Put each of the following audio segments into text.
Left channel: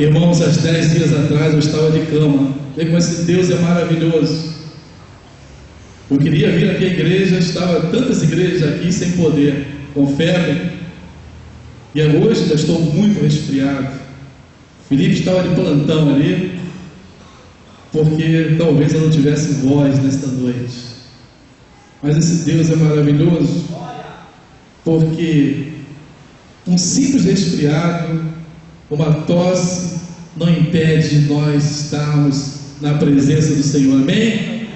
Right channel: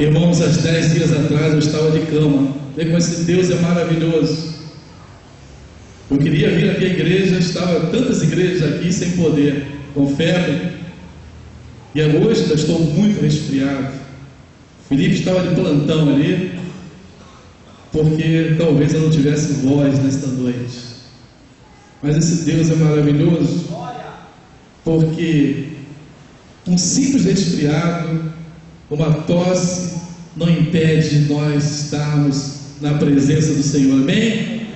Irmãos, há 10 dias atrás eu estava de cama. Vê como esse Deus é maravilhoso. Eu queria vir aqui à igreja, estava tantas igrejas aqui sem poder, com febre. E hoje já estou muito resfriado. O Felipe estava de plantão ali, porque talvez eu não tivesse voz nesta noite. Mas esse Deus é maravilhoso, porque um simples resfriado, uma tosse, não impede de nós estarmos na presença do Senhor, amém?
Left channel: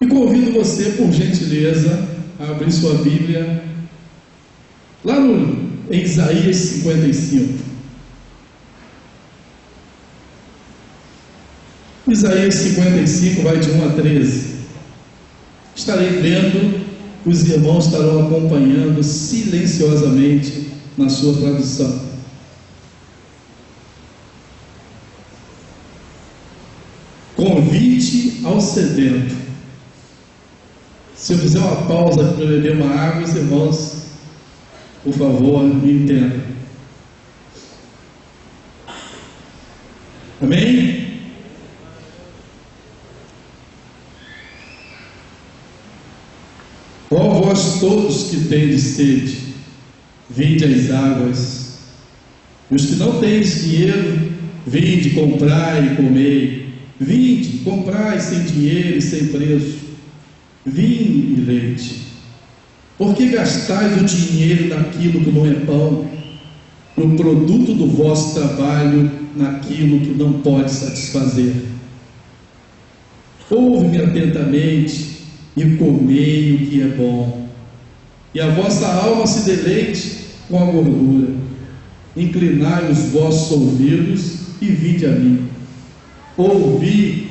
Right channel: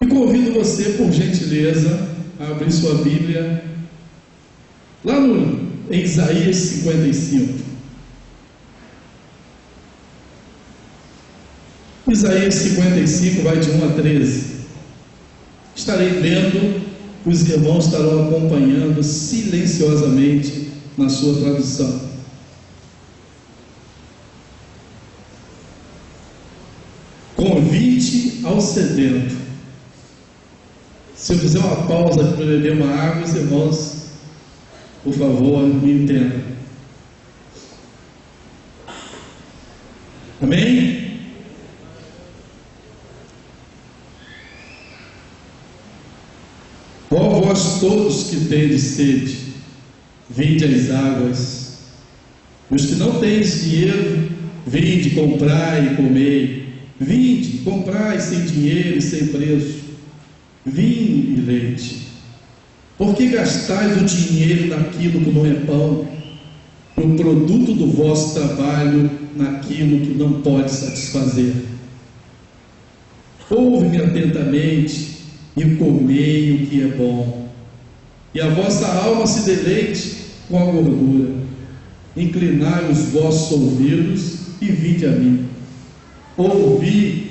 E convido você, por gentileza, a abrir sua Bíblia lá em Isaías 55. Isaías 55 vai de 1 a 13. Estarei lendo, os irmãos estarão acompanhando silenciosamente na sua tradução. Convite ao sedento. Se eu fizer uma pausa para beber uma água, os irmãos, por favor, me entendam. Amém? Ó vós todos que tendes sede, vinde às águas. E os que não tendes dinheiro, vinde, comprai e comei. Vinde, comprai sem dinheiro e sem preço vinho e leite. Por que gastais o dinheiro naquilo que não é pão, o produto do vosso trabalho naquilo que não pode satisfazer? Ouve-me atentamente e comei o que é bom, e a vossa alma se deleite com a gordura. Inclinai os vossos ouvidos e vinde a mim. Ouvi,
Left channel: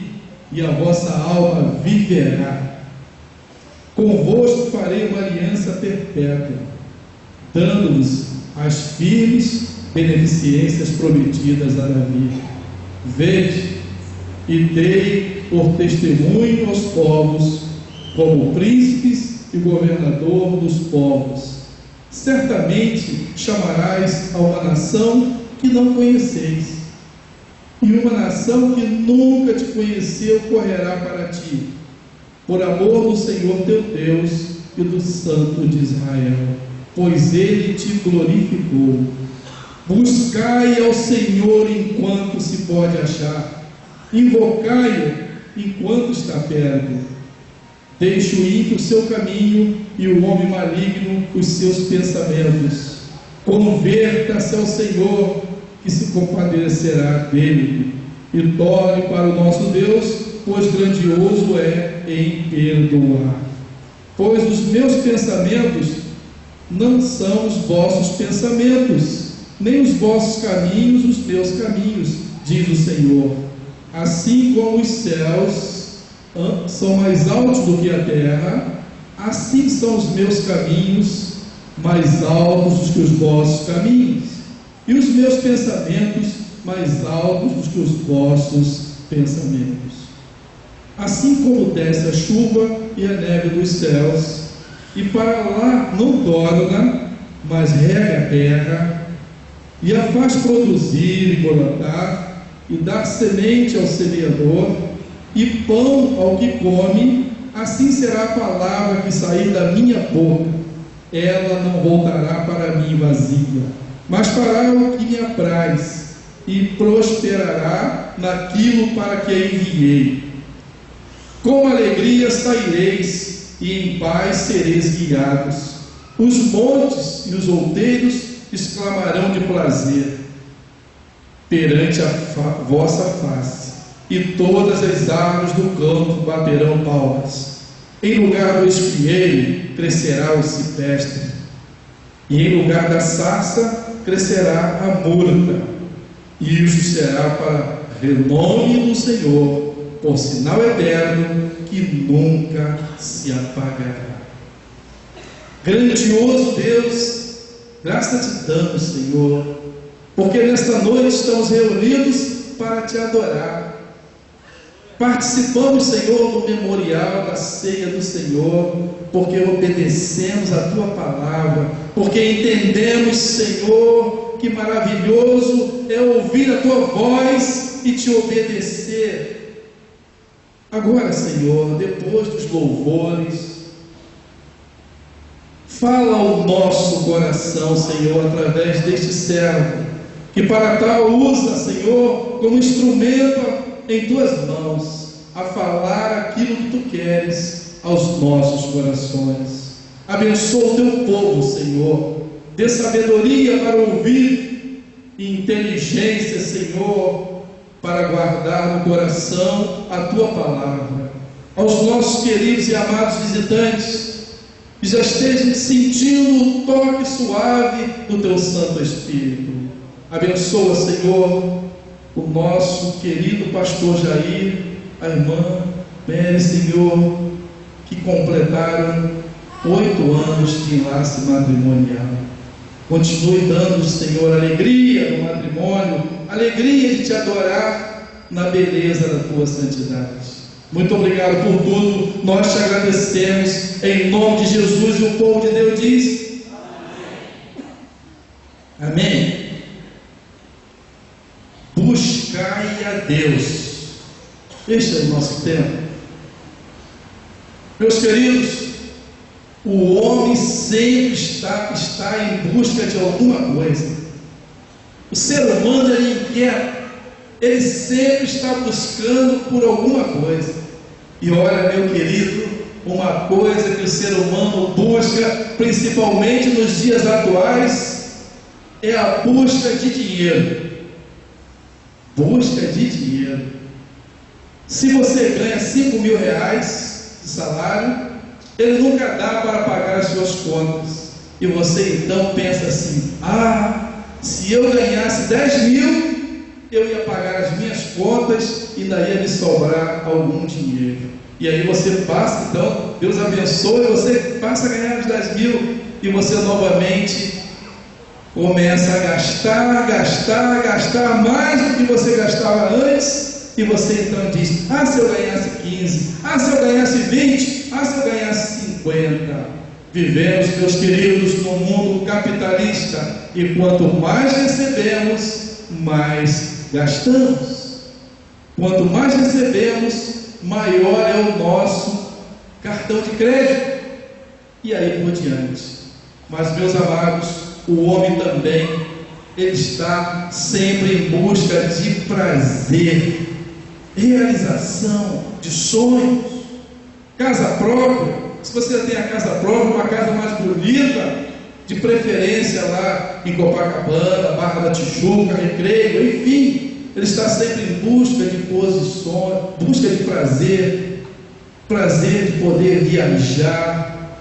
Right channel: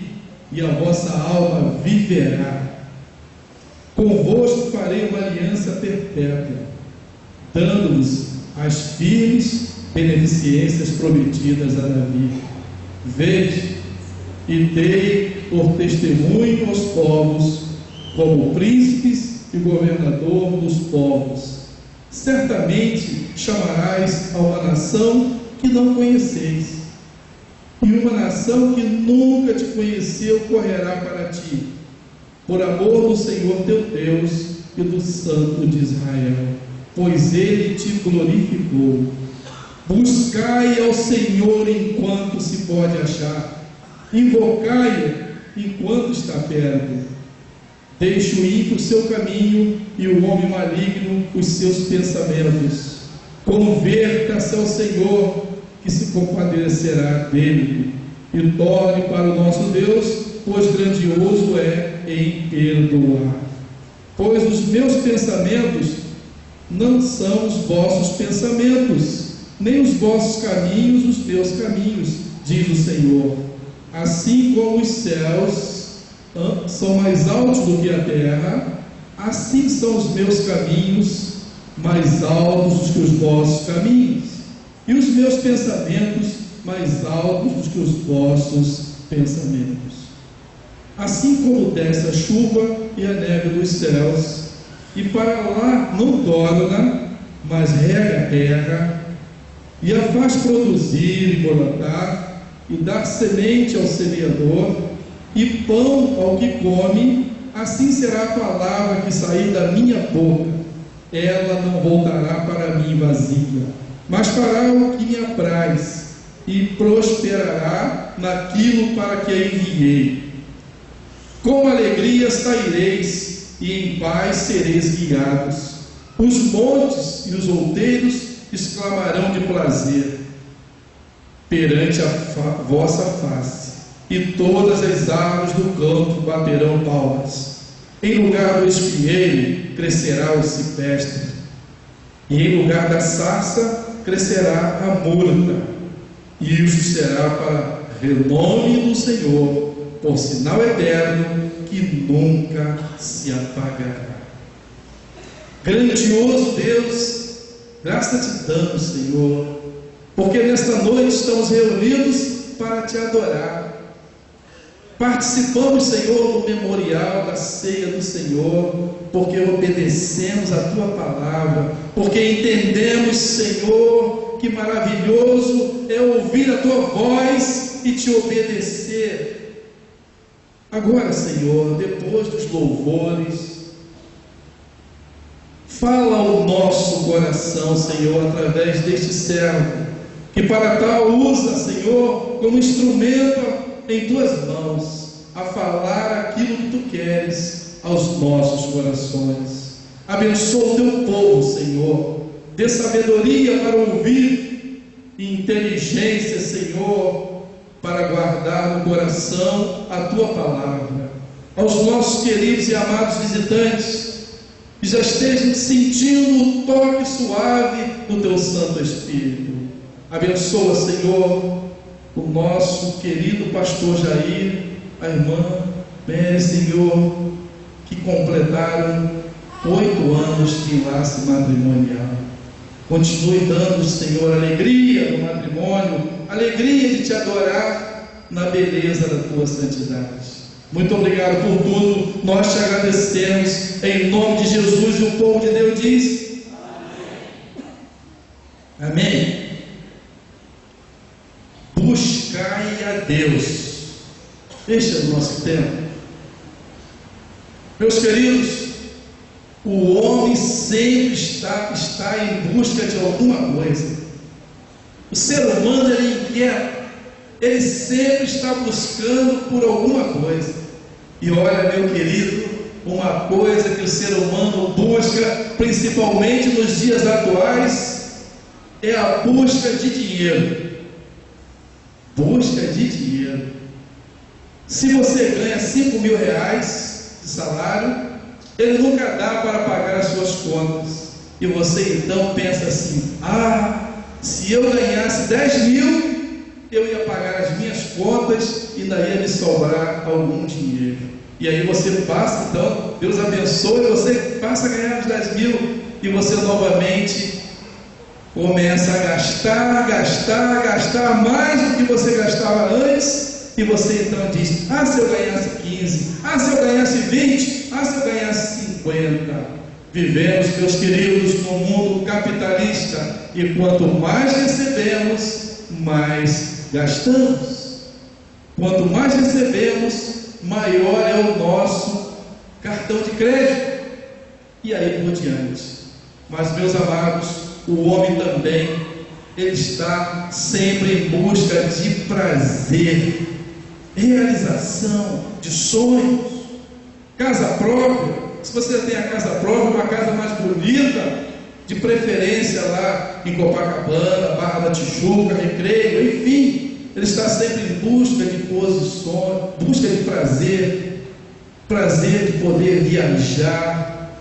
e a vossa alma viverá. Convosco farei uma aliança perpétua, dando-vos as firmes beneficências prometidas a Davi. Vede, e dei por testemunho aos povos, como príncipes e governador dos povos. Certamente chamarás a uma nação que não conheceis, e uma nação que nunca te conheceu correrá para ti, por amor do Senhor teu Deus e do Santo de Israel, pois Ele te glorificou. Buscai ao Senhor enquanto se pode achar, invocai-o enquanto está perto. Deixe o ímpio o seu caminho e o homem maligno os seus pensamentos. Converta-se ao Senhor, que se compadecerá dele, e torne para o nosso Deus, pois grandioso é em perdoar. Pois os meus pensamentos não são os vossos pensamentos, nem os vossos caminhos os meus caminhos, diz o Senhor. Assim como os céus são mais altos do que a terra, assim são os meus caminhos mais altos do que os vossos caminhos, e os meus pensamentos mais altos do que os vossos pensamentos. Assim como desce a chuva e a neve dos céus, e para lá não torna, mas rega a terra, e a faz produzir e brotar, e dar semente ao semeador, e pão ao que come, assim será a palavra que sair da minha boca. Ela não voltará para mim vazia, mas fará o que me apraz, e prosperará naquilo para que a enviei. Com alegria saireis, e em paz sereis guiados. Os montes e os outeiros exclamarão de prazer perante a vossa face, e todas as árvores do campo baterão palmas. Em lugar do espinheiro crescerá o cipreste, e em lugar da sarça crescerá a murta. E isso será para renome do Senhor, por sinal eterno que nunca se apagará. Grandioso Deus, graça te damos, Senhor, porque nesta noite estamos reunidos para te adorar. Participamos, Senhor, do memorial da ceia do Senhor, porque obedecemos a tua palavra, porque entendemos, Senhor, que maravilhoso é ouvir a tua voz e te obedecer. Agora, Senhor, depois dos louvores, fala ao nosso coração, Senhor, através deste servo, que para tal usa, Senhor, como instrumento em tuas mãos, a falar aquilo que tu queres aos nossos corações. Abençoa o teu povo, Senhor, dê sabedoria para ouvir e inteligência, Senhor, para guardar no coração a tua palavra. Aos nossos queridos e amados visitantes, que já estejam sentindo o toque suave do teu Santo Espírito. Abençoa, Senhor, o nosso querido pastor Jair, a irmã Mary, Senhor, que completaram 8 anos de enlace matrimonial. Continue dando, Senhor, alegria no matrimônio, alegria de te adorar na beleza da tua santidade. Muito obrigado por tudo, nós te agradecemos, em nome de Jesus, e o povo de Deus diz: amém. Amém. Buscai a Deus. Este é o nosso tempo. Meus queridos, o homem sempre está em busca de alguma coisa. O ser humano, ele é inquieto, ele sempre está buscando por alguma coisa. E olha, meu querido, uma coisa que o ser humano busca, principalmente nos dias atuais, é a busca de dinheiro. Busca de dinheiro. Se você ganha 5 mil reais de salário, ele nunca dá para pagar as suas contas. E você então pensa assim: se eu ganhasse 10 mil, eu ia pagar as minhas contas e ainda ia me sobrar algum dinheiro. E aí você passa, então, Deus abençoe, você passa a ganhar os 10 mil e você novamente começa a gastar mais do que você gastava antes. E você então diz: se eu ganhasse 15, se eu ganhasse 20, se eu ganhasse 50. Vivemos, meus queridos, num mundo capitalista, e quanto mais recebemos, mais gastamos. Quanto mais recebemos, maior é o nosso cartão de crédito, e aí por diante. Mas, meus amados, o homem também, ele está sempre em busca de prazer, realização de sonhos, casa própria. Se você tem a casa própria, uma casa mais bonita, de preferência lá em Copacabana, Barra da Tijuca, Recreio, enfim, ele está sempre em busca de posições, busca de prazer de poder viajar,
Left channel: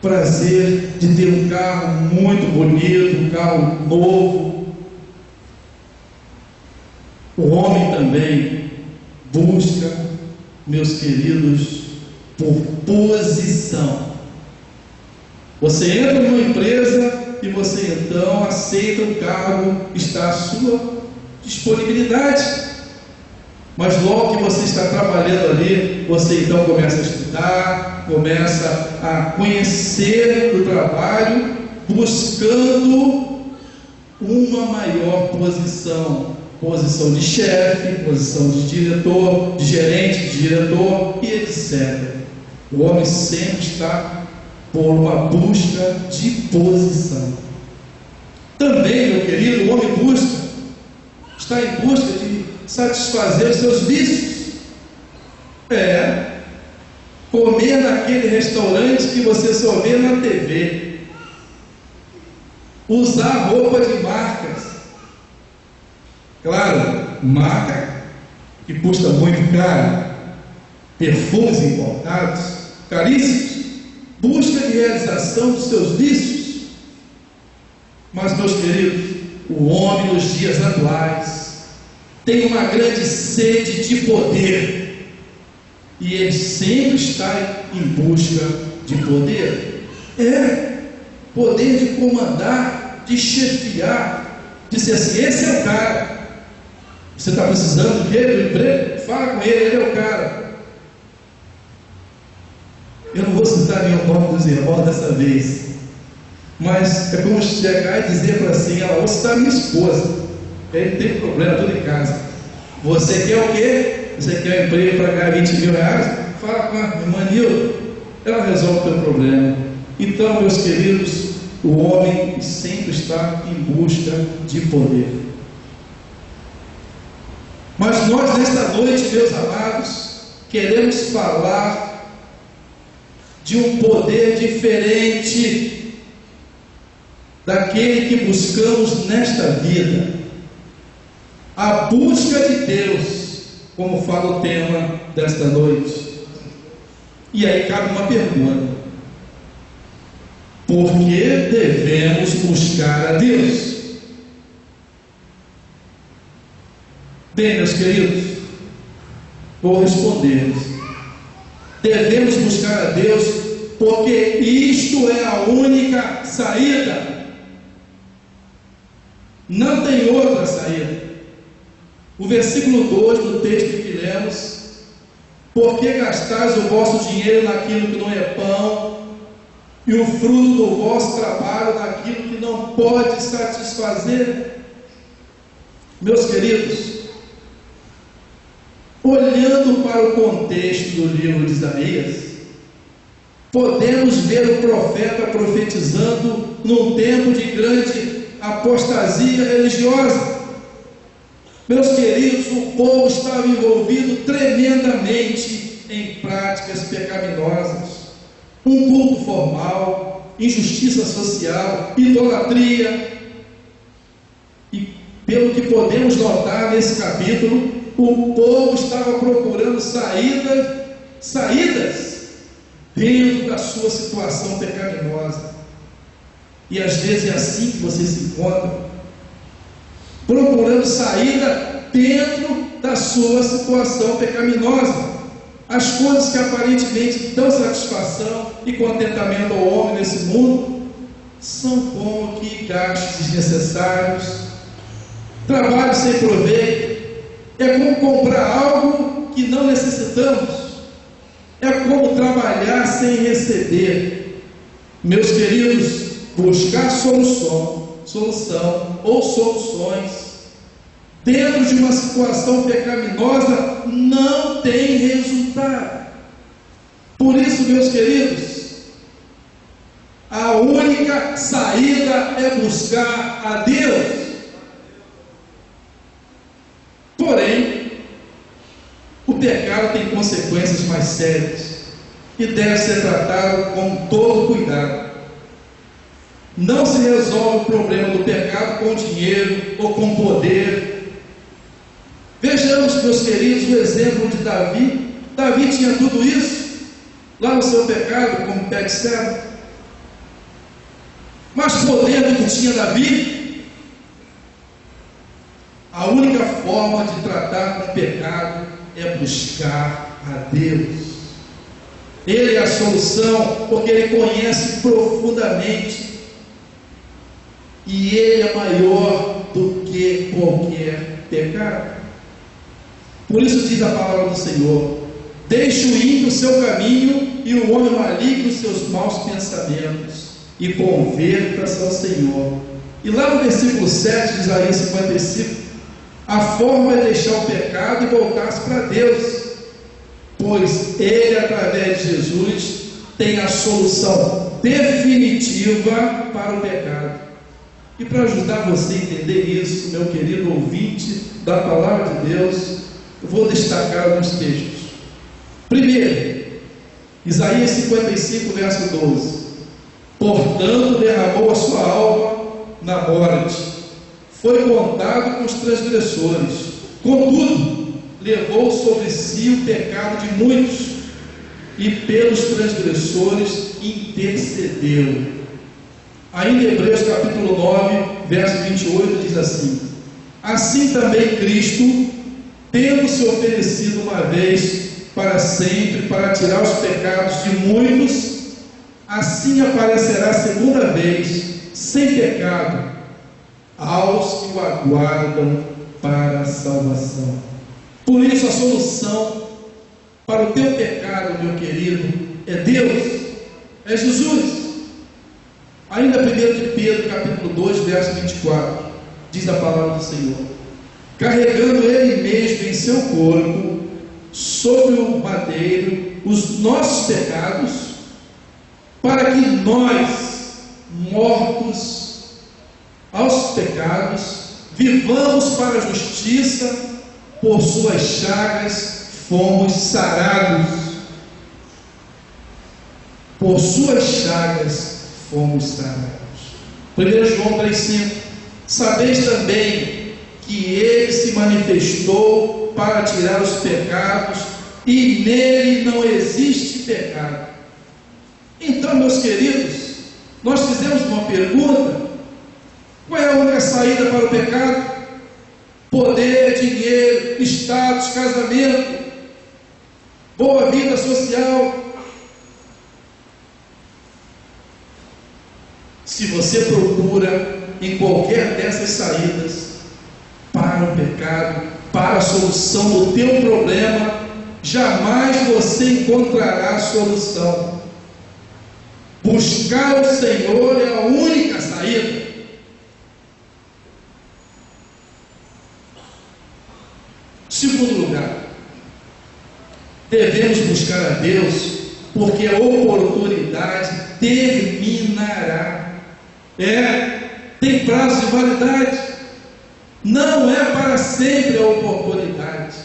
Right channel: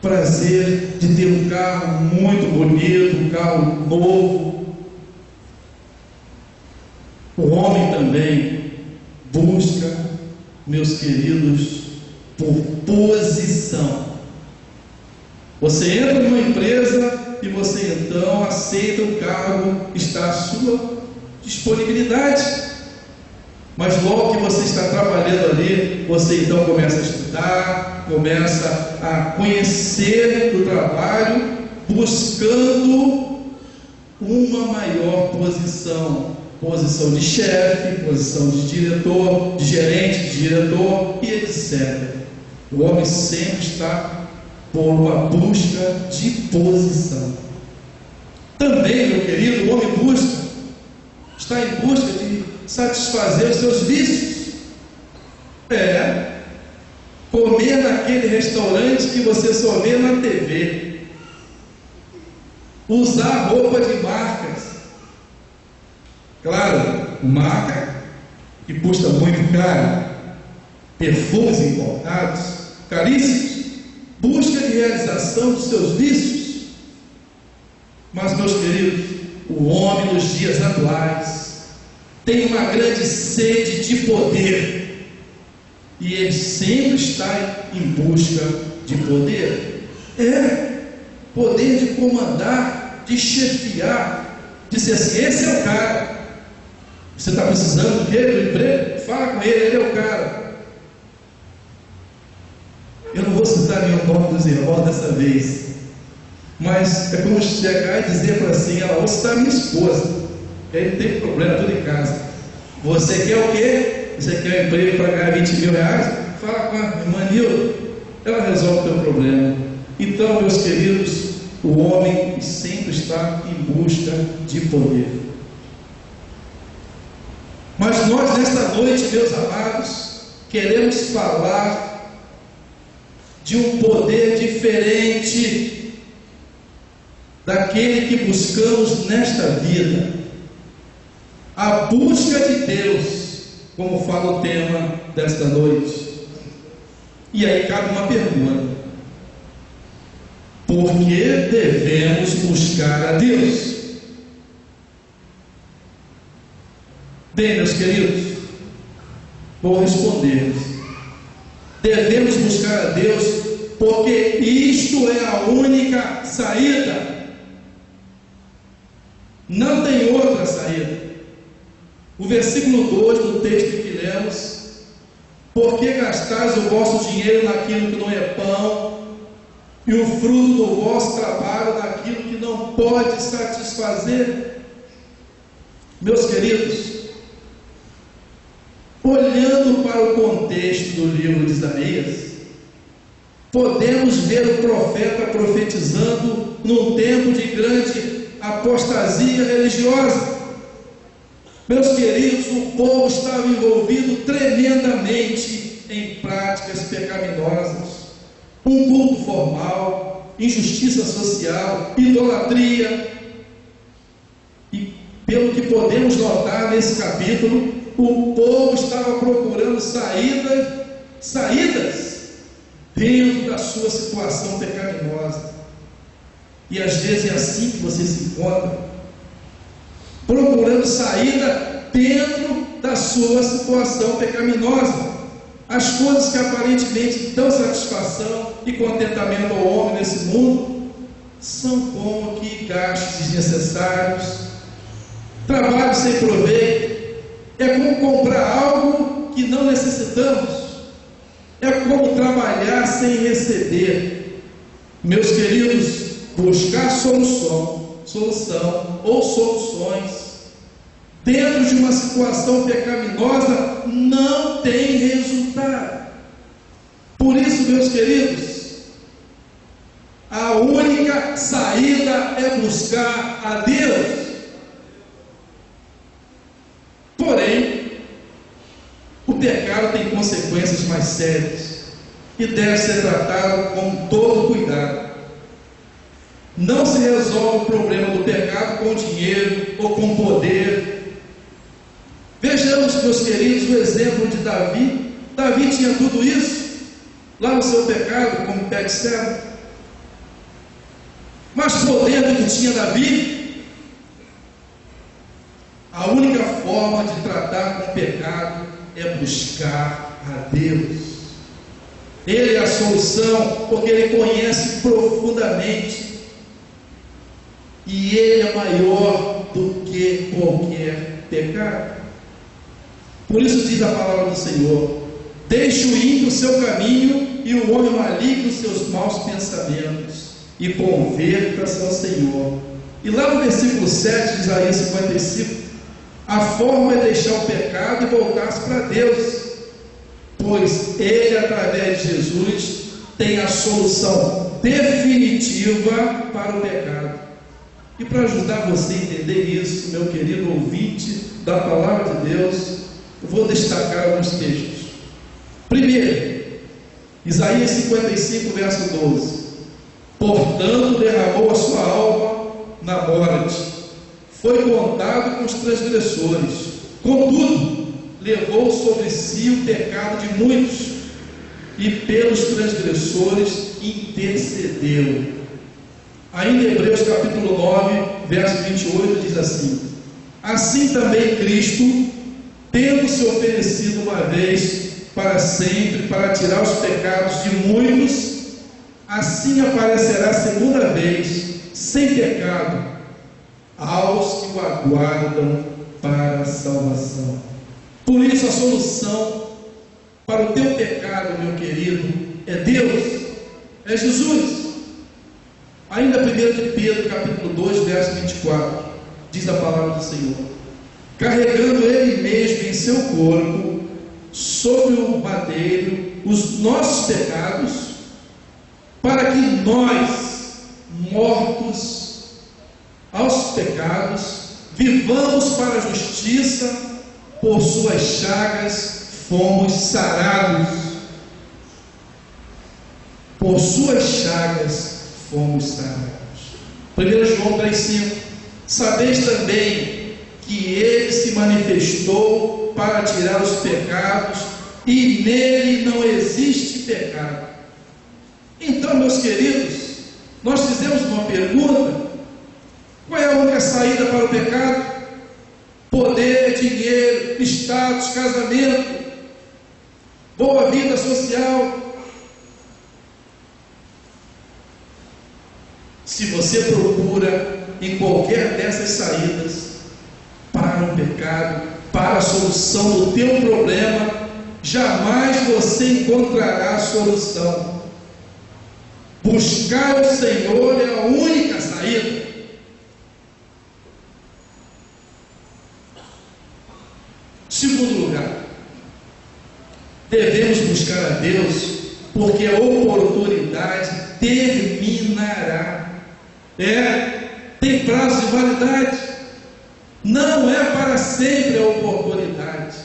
prazer de ter um carro muito bonito, um carro novo. O homem também busca, meus queridos, por posição. Você entra numa empresa e você então aceita o cargo, está à sua disponibilidade. Mas logo que você está trabalhando ali, você então começa a estudar, começa a conhecer o trabalho, buscando uma maior posição de chefe, posição de diretor, de gerente, de diretor e etc. O homem sempre está por uma busca de posição. Também, meu querido, o homem está em busca de satisfazer os seus vícios. Comer naquele restaurante que você só vê na TV, usar roupa de marcas, claro, marca que custa muito caro, perfumes importados, caríssimos, busca de realização dos seus vícios. Mas, meus queridos, o homem nos dias atuais tem uma grande sede de poder, e ele sempre está em busca de poder. Poder de comandar, de chefiar, de ser assim: esse é o cara. Você está precisando do quê? Do emprego? Fala com ele é o cara. Eu não vou citar nenhum nome dos irmãos dessa vez, Mas é como chegar e dizer para assim: ela, você está minha esposa, ele tem problema tudo em casa. Você quer o quê? Você quer um emprego para ganhar 20 mil reais? Fala com a irmã Nilda, ela resolve o teu problema. Então, meus queridos, o homem sempre está em busca de poder. Mas nós, nesta noite, meus amados, queremos falar de um poder diferente daquele que buscamos nesta vida. A busca de Deus, como fala o tema desta noite. E aí cabe uma pergunta: por que devemos buscar a Deus? Bem, meus queridos, vou responder. Devemos buscar a Deus porque isto é a única saída. Não tem outra saída. O versículo 2 do texto que lemos: por que gastais o vosso dinheiro naquilo que não é pão, e o fruto do vosso trabalho naquilo que não pode satisfazer? Meus queridos, olhando para o contexto do livro de Isaías, podemos ver o profeta profetizando num tempo de grande apostasia religiosa. Meus queridos, o povo estava envolvido tremendamente em práticas pecaminosas, um culto formal, injustiça social, idolatria. E pelo que podemos notar nesse capítulo, o povo estava procurando saídas dentro da sua situação pecaminosa. E às vezes é assim que você se encontra, procurando saída dentro da sua situação pecaminosa. As coisas que aparentemente dão satisfação e contentamento ao homem nesse mundo são como que gastos desnecessários, trabalho sem proveito. É como comprar algo que não necessitamos. É como trabalhar sem receber. Meus queridos, buscar solução ou soluções dentro de uma situação pecaminosa não tem resultado. Por isso, meus queridos, a única saída é buscar a Deus. Porém, o pecado tem consequências mais sérias e deve ser tratado com todo cuidado. Não se resolve o problema do pecado com dinheiro ou com poder. Vejamos, meus queridos, o exemplo de Davi. Davi tinha tudo isso lá no seu pecado, como Betseba. Mas poder do que tinha Davi, a única forma de tratar com o pecado é buscar a Deus. Ele é a solução, porque Ele conhece profundamente, e Ele é maior do que qualquer pecado. Por isso diz a palavra do Senhor: deixe o ímpio o seu caminho e o homem maligno os seus maus pensamentos, e converta-se ao Senhor. E lá no versículo 7 de Isaías 55, a forma é deixar o pecado e voltar-se para Deus, pois Ele, através de Jesus, tem a solução definitiva para o pecado. E para ajudar você a entender isso, meu querido ouvinte da palavra de Deus, eu vou destacar alguns textos. Primeiro, Isaías 55, verso 12: portanto derramou a sua alma na morte, foi contado com os transgressores, contudo levou sobre si o pecado de muitos, e pelos transgressores intercedeu. Ainda em Hebreus capítulo 9, verso 28, diz assim: assim também Cristo, tendo se oferecido uma vez para sempre para tirar os pecados de muitos, assim aparecerá segunda vez, sem pecado, aos que o aguardam para a salvação. Por isso a solução para o teu pecado, meu querido, é Deus, é Jesus. Ainda 1 de Pedro, capítulo 2, verso 24, diz a palavra do Senhor: carregando Ele mesmo em seu corpo, sobre o madeiro, os nossos pecados, para que nós, mortos aos pecados, vivamos para a justiça. Por suas chagas fomos sarados. Por suas chagas fomos sarados. 1 João 3,5: sabeis também que Ele se manifestou para tirar os pecados, e nele não existe pecado. Então, meus queridos, nós fizemos uma pergunta: qual é a única saída para o pecado? Poder, dinheiro, status, casamento, boa vida social. Se você procura em qualquer dessas saídas para o pecado, para a solução do teu problema, jamais você encontrará a solução. Buscar o Senhor é a única saída. Segundo lugar, devemos buscar a Deus, porque a oportunidade terminará. Tem prazo de validade. Não é para sempre a oportunidade,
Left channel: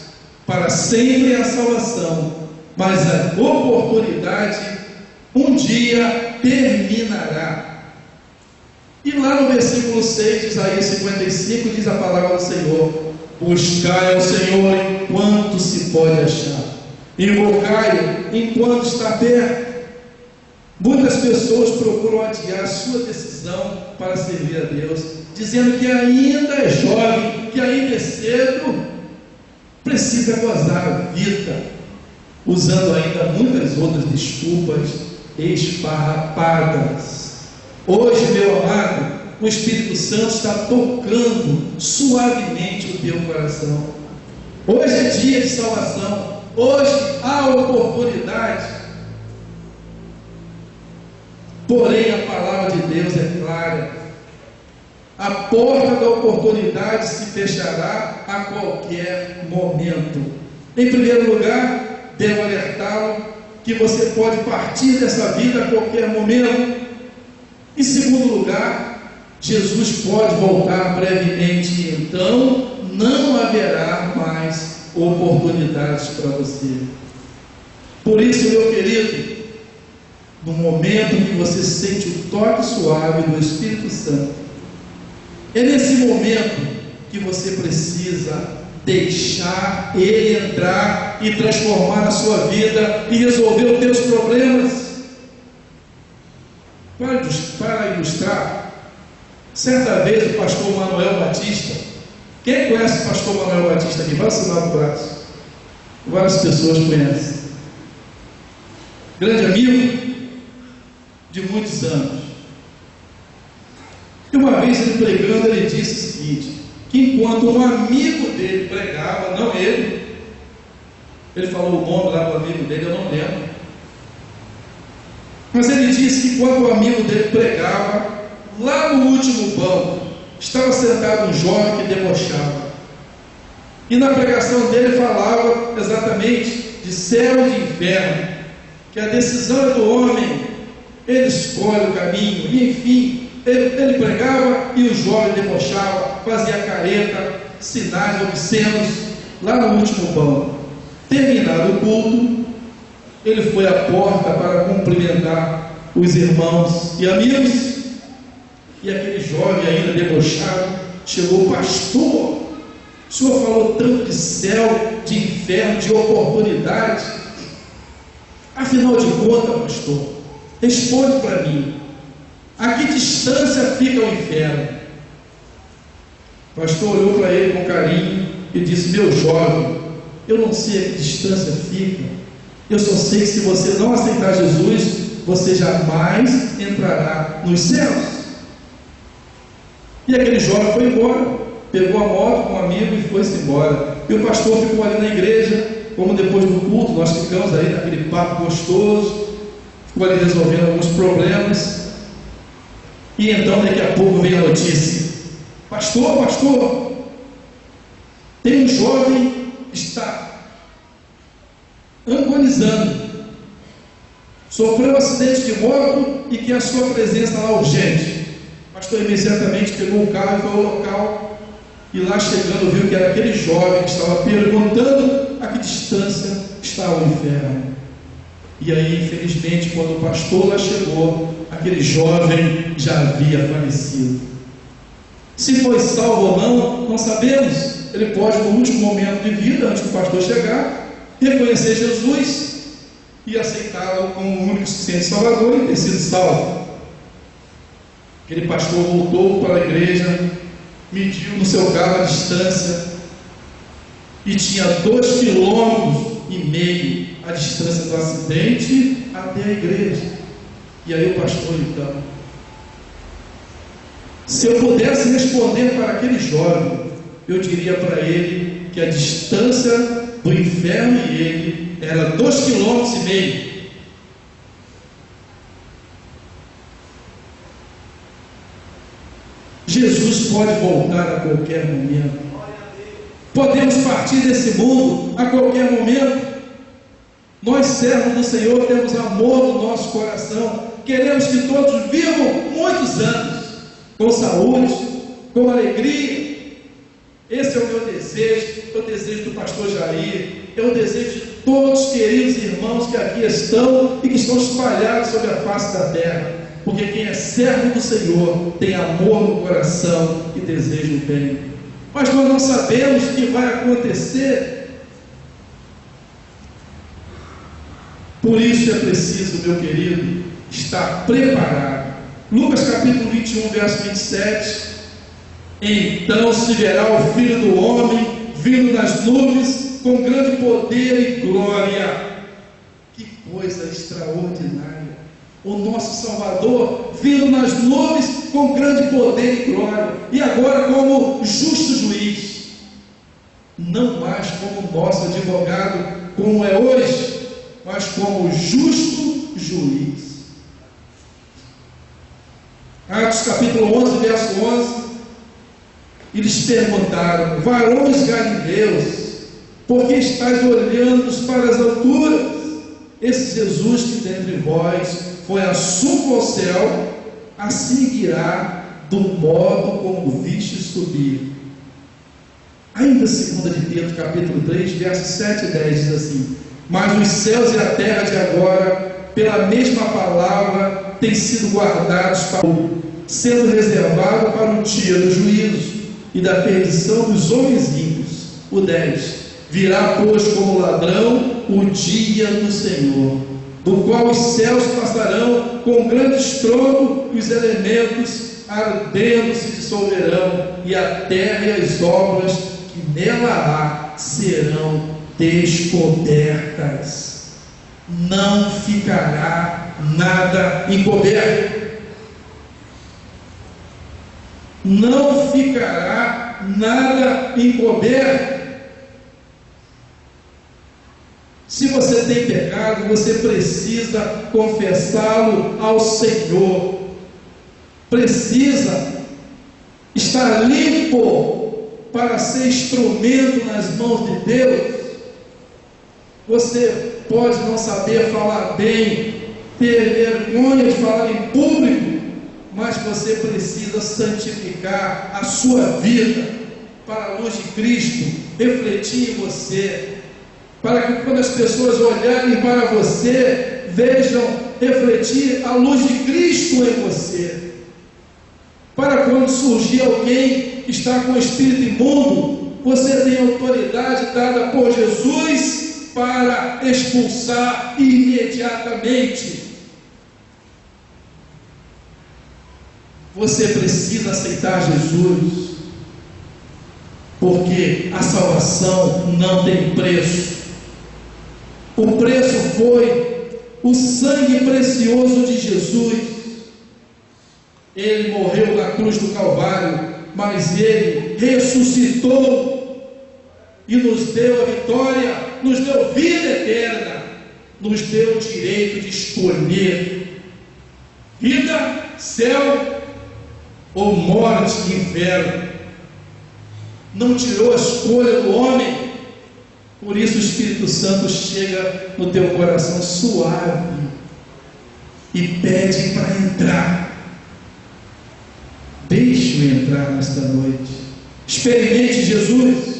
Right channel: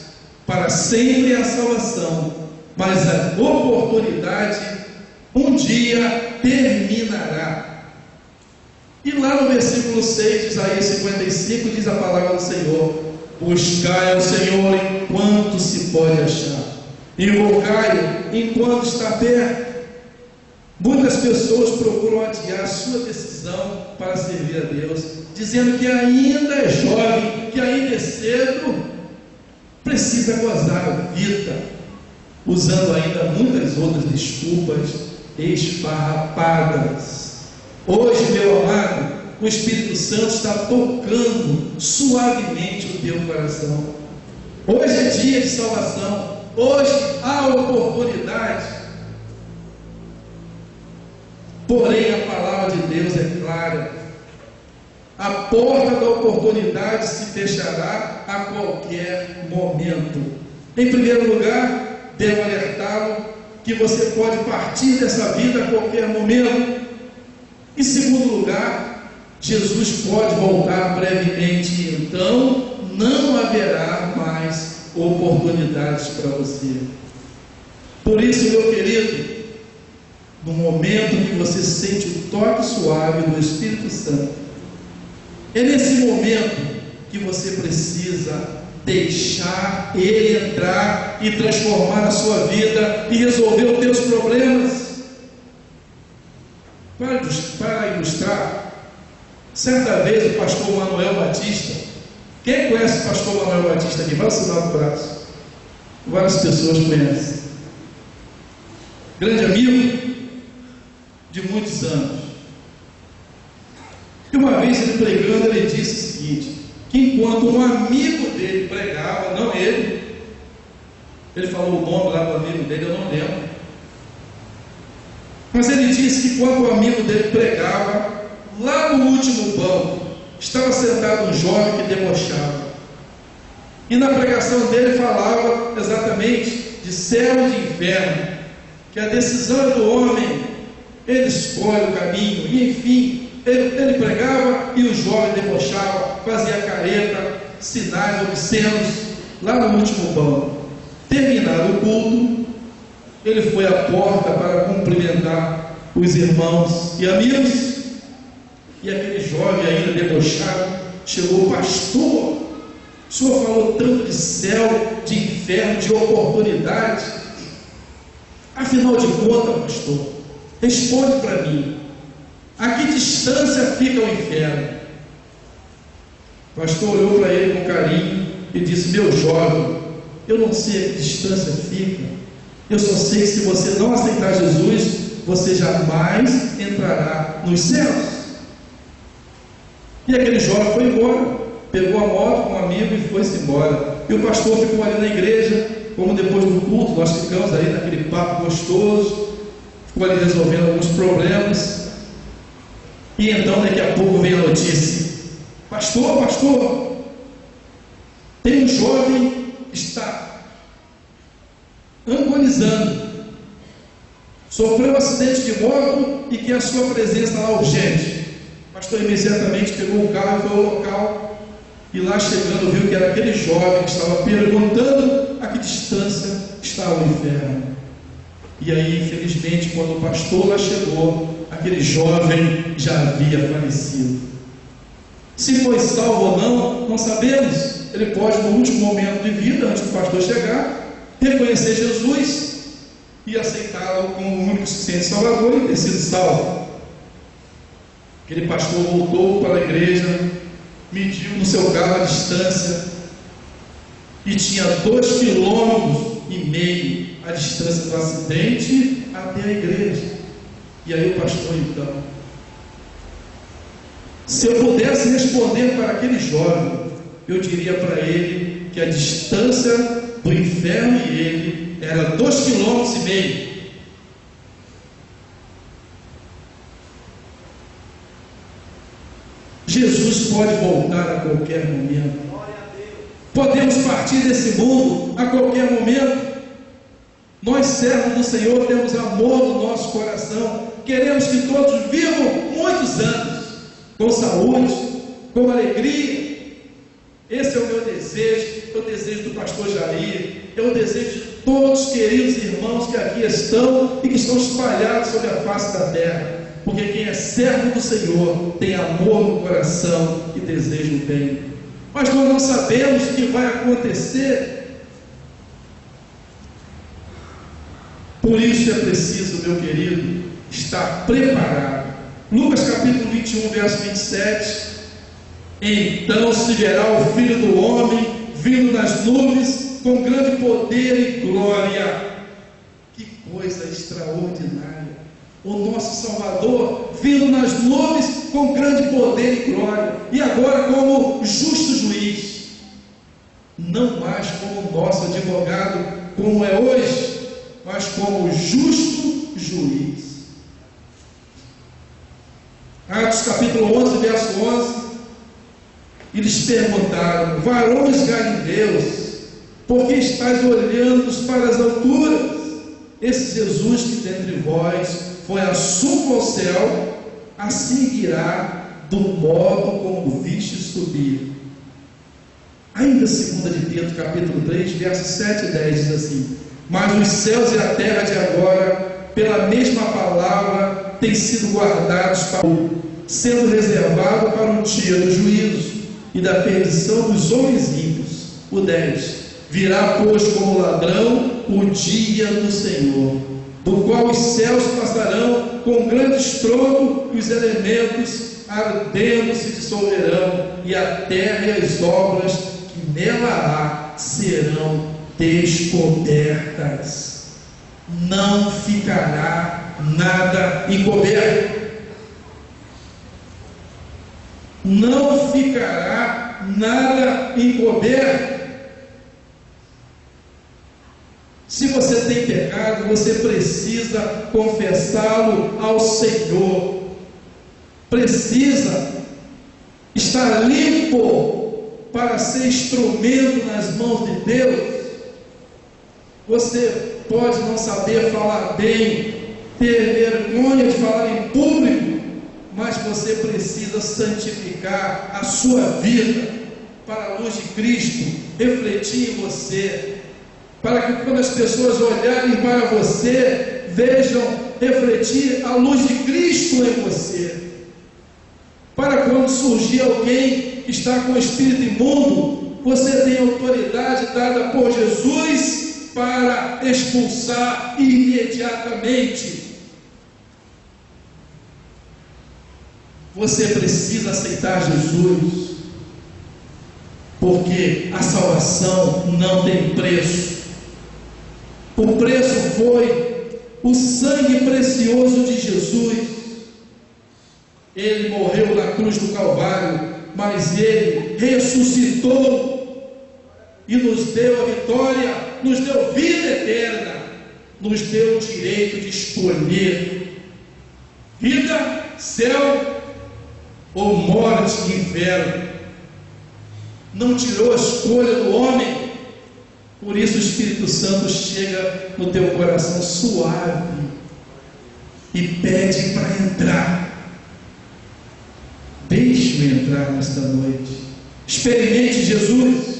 para sempre é a salvação, mas a oportunidade um dia terminará. E lá no versículo 6 de Isaías 55 diz a palavra do Senhor: buscai ao Senhor enquanto se pode achar, invocai-o enquanto está perto. Muitas pessoas procuram adiar sua decisão para servir a Deus, dizendo que ainda é jovem, que ainda é cedo, precisa gozar a vida, usando ainda muitas outras desculpas esfarrapadas. Hoje, meu amado, o Espírito Santo está tocando suavemente o teu coração. Hoje é dia de salvação. Hoje há oportunidade. Porém, a palavra de Deus é clara: a porta da oportunidade se fechará a qualquer momento. Em primeiro lugar, devo alertá-lo que você pode partir dessa vida a qualquer momento. Em segundo lugar, Jesus pode voltar brevemente, e então não haverá mais oportunidades para você. Por isso, meu querido, no momento que você sente o toque suave do Espírito Santo, é nesse momento que você precisa deixar Ele entrar e transformar a sua vida e resolver os teus problemas. Para ilustrar, certa vez o pastor Manuel Batista, quem conhece o pastor Manuel Batista aqui? Vai assinar o braço. Várias pessoas conhecem. Grande amigo de muitos anos. E uma vez ele pregando, ele disse o seguinte: que enquanto um amigo dele pregava, não ele falou o nome lá do amigo dele, eu não lembro, mas ele disse que quando o amigo dele pregava, lá no último banco estava sentado um jovem que debochava, e na pregação dele falava exatamente de céu e de inferno, que a decisão é do homem, ele escolhe o caminho, e enfim, ele pregava e o jovem debochava, fazia careta, sinais obscenos, lá no último banco. Terminado o culto, ele foi à porta para cumprimentar os irmãos e amigos, e aquele jovem ainda debochado chegou: pastor, o senhor falou tanto de céu, de inferno, de oportunidade, afinal de contas, pastor, responde para mim, a que distância fica o inferno? O pastor olhou para ele com carinho e disse: meu jovem, eu não sei a que distância fica, eu só sei que se você não aceitar Jesus, você jamais entrará nos céus. E aquele jovem foi embora, pegou a moto com um amigo e foi-se embora. E o pastor ficou ali na igreja, como depois do culto nós ficamos aí naquele papo gostoso, ficou ali resolvendo alguns problemas. E então daqui a pouco vem a notícia: pastor, tem um jovem que está agonizando, sofreu um acidente de moto e quer a sua presença lá urgente. O pastor imediatamente pegou o carro e foi ao local, e lá chegando viu que era aquele jovem que estava perguntando a que distância estava o inferno. E aí, infelizmente, quando o pastor lá chegou, aquele jovem já havia falecido. Se foi salvo ou não, não sabemos. Ele pode, no último momento de vida, antes do pastor chegar, reconhecer Jesus e aceitá-lo como o único suficiente Salvador e ter sido salvo. Aquele pastor voltou para a igreja, mediu no seu carro a distância e tinha 2,5 km a distância do acidente até a igreja. E aí o pastor, então, se eu pudesse responder para aquele jovem, eu diria para ele que a distância do inferno e ele era 2,5 km. Jesus pode voltar a qualquer momento. Podemos partir desse mundo a qualquer momento. Nós, servos do Senhor, temos amor no nosso coração. Queremos que todos vivam muitos anos, com saúde, com alegria. Esse é o meu desejo, é o desejo do pastor Jair, é o desejo de todos os queridos irmãos que aqui estão e que estão espalhados sobre a face da terra. Porque quem é servo do Senhor tem amor no coração e deseja o bem. Mas nós não sabemos o que vai acontecer. Por isso é preciso, meu querido, estar preparado. Lucas capítulo 21, verso 27. Então se verá o Filho do Homem vindo nas nuvens com grande poder e glória. Que coisa extraordinária! O nosso Salvador vindo nas nuvens com grande poder e glória, e agora como justo juiz, não mais como nosso advogado, como é hoje, mas como justo juiz. Atos capítulo 11, verso 11, eles perguntaram: varões galileus, por que estáis olhando para as alturas? Esse Jesus que dentre vós foi assunto ao céu, assim irá do modo como viste subir. Ainda 2 de Pedro capítulo 3, versos 7 e 10 diz assim: mas os céus e a terra de agora, pela mesma palavra, têm sido guardados para sendo reservado para o dia do juízo e da perdição dos homens ímpios. O 10: virá, pois, como ladrão o dia do Senhor, do qual os céus passarão com grande estrondo e os elementos ardendo se dissolverão, e a terra e as obras que nela há serão descobertas. Não ficará nada encoberto. Não ficará nada encoberto. Se você tem pecado, você precisa confessá-lo ao Senhor. Precisa estar limpo para ser instrumento nas mãos de Deus. Você pode não saber falar bem, ter vergonha de falar em público, mas você precisa santificar a sua vida para a luz de Cristo refletir em você, para que quando as pessoas olharem para você, vejam refletir a luz de Cristo em você. Para quando surgir alguém que está com o espírito imundo, você tem autoridade dada por Jesus para expulsar imediatamente. Você precisa aceitar Jesus, porque a salvação não tem preço. O preço foi o sangue precioso de Jesus. Ele morreu na cruz do Calvário, mas Ele ressuscitou e nos deu a vitória, nos deu vida eterna, nos deu o direito de escolher vida, céu ou morte e inferno. Não tirou a escolha do homem. Por isso o Espírito Santo chega no teu coração suave e pede para entrar. Deixe-o entrar nesta noite. Experimente Jesus.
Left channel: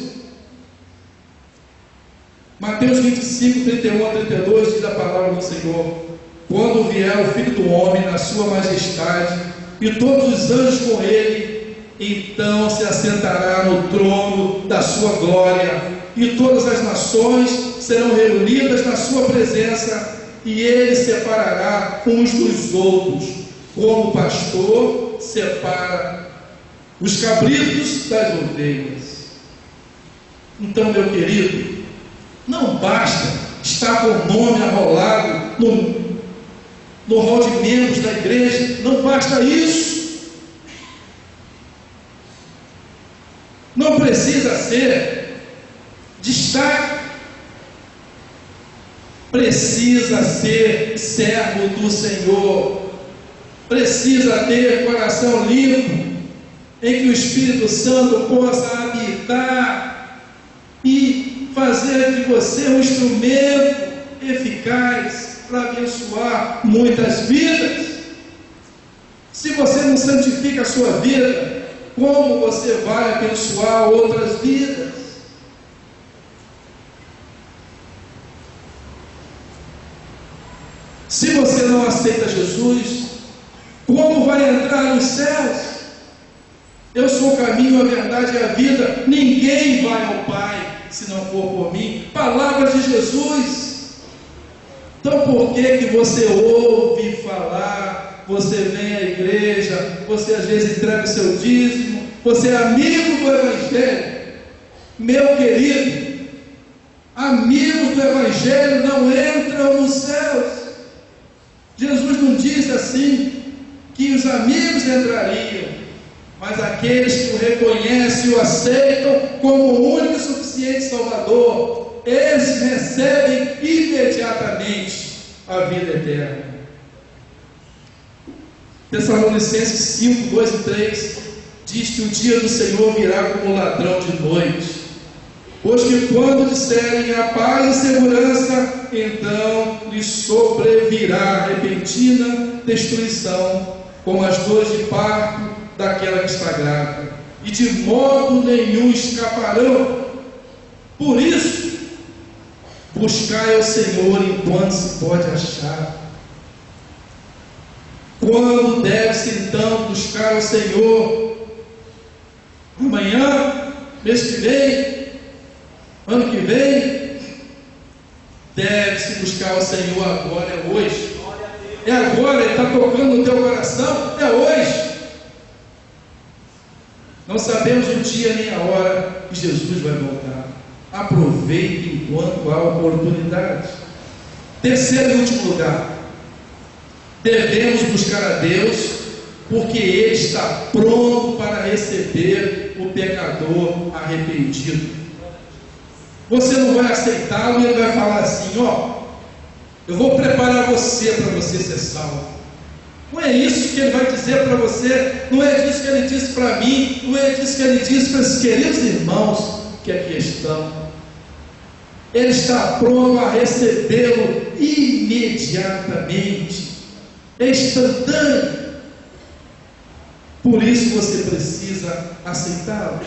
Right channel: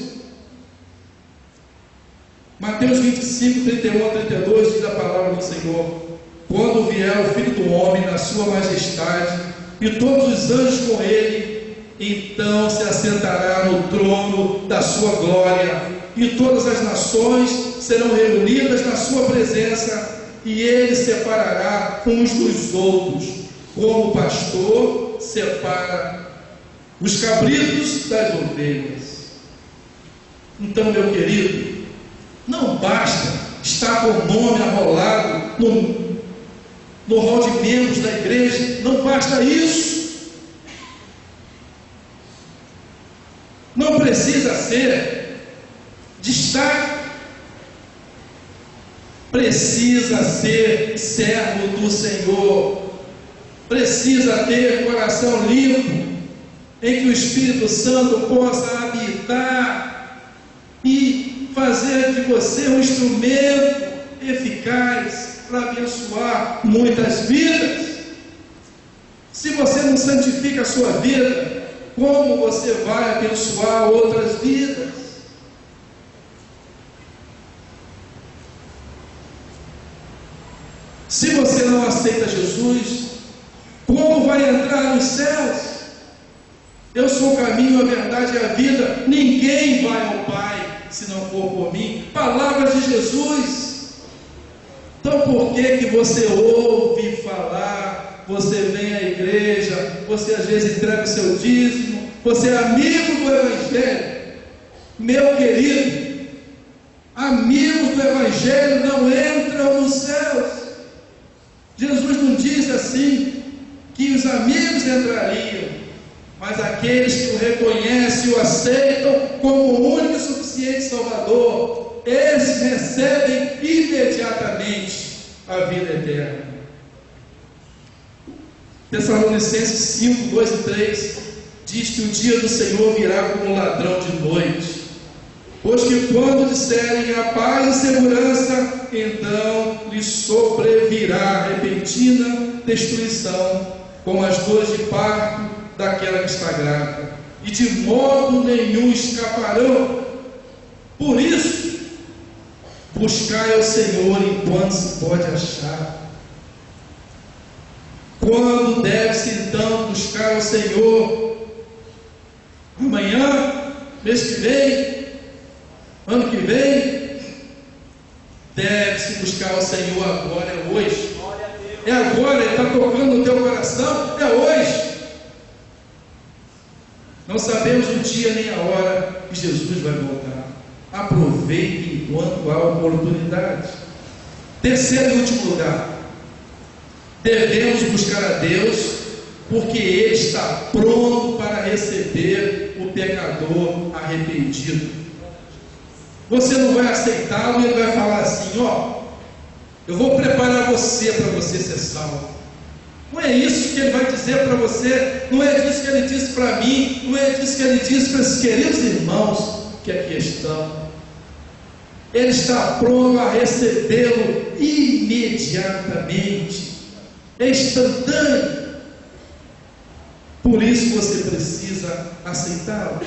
Mateus 25, 31 a 32 diz a palavra do Senhor: quando vier o Filho do Homem na sua majestade e todos os anjos com ele, então se assentará no trono da sua glória, e todas as nações serão reunidas na sua presença, e ele separará uns dos outros, como o pastor separa os cabritos das ovelhas. Então, meu querido, não basta estar com o nome arrolado no rol de membros da igreja, não basta isso. Não precisa ser destaque, precisa ser servo do Senhor, precisa ter coração limpo, em que o Espírito Santo possa habitar e fazer de você um instrumento eficaz para abençoar muitas vidas. Se você não santifica a sua vida, como você vai abençoar outras vidas? Se você não aceita Jesus, como vai entrar nos céus? Eu sou o caminho, a verdade e a vida. Ninguém vai ao Pai se não for por mim. Palavras de Jesus. Então por que você ouve falar, você vem à igreja, você às vezes entrega o seu dízimo, você é amigo do Evangelho? Meu querido, amigos do Evangelho não entram nos céus. Jesus não disse assim, que os amigos entrariam, mas aqueles que o reconhecem e o aceitam como o único e suficiente Salvador, esses recebem imediatamente a vida eterna. Tessalonicenses 5, 2 e 3 diz que o dia do Senhor virá como ladrão de noite, pois que quando disserem a paz e segurança, então lhes sobrevirá repentina destruição, como as dores de parto daquela que está grávida, e de modo nenhum escaparão. Por isso, buscai ao Senhor enquanto se pode achar. Quando deve-se então buscar ao Senhor? Amanhã? Mês que vem? Ano que vem? Deve-se buscar ao Senhor agora, é hoje. É agora, Ele está tocando no teu coração, é hoje. Não sabemos o dia nem a hora que Jesus vai voltar. Aproveite enquanto há oportunidade. Terceiro e último lugar, devemos buscar a Deus, porque Ele está pronto para receber o pecador arrependido. Você não vai aceitá-lo e Ele vai falar assim: ó, eu vou preparar você para você ser salvo. Não é isso que Ele vai dizer para você, não é disso que Ele disse para mim, não é disso que Ele disse para esses queridos irmãos que aqui estão. Ele está pronto a recebê-lo imediatamente, é instantâneo. Por isso você precisa aceitá-lo.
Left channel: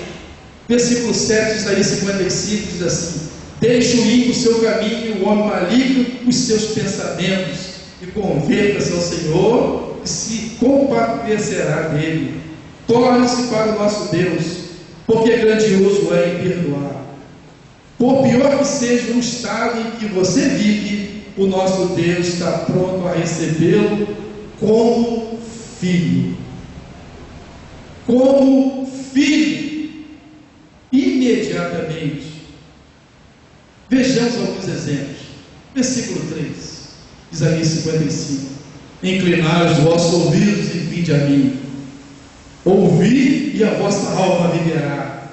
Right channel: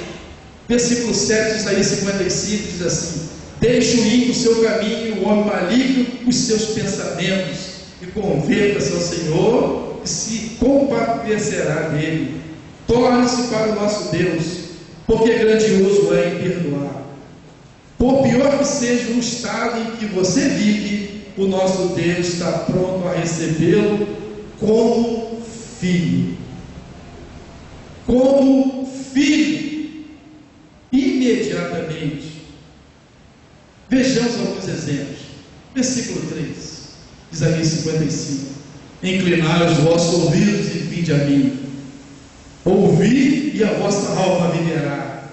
Versículo 7 de Isaías 55 diz assim: deixe o ímpio o seu caminho, o homem maligno os seus pensamentos, e converta-se ao Senhor, e se compadecerá dele. Torne-se para o nosso Deus, porque grandioso é em perdoar. Por pior que seja o estado em que você vive, o nosso Deus está pronto a recebê-lo como filho. Como filho, imediatamente. Vejamos alguns exemplos. Versículo 3, Isaías 55: inclinai os vossos ouvidos e vinde a mim, ouvi e a vossa alma viverá,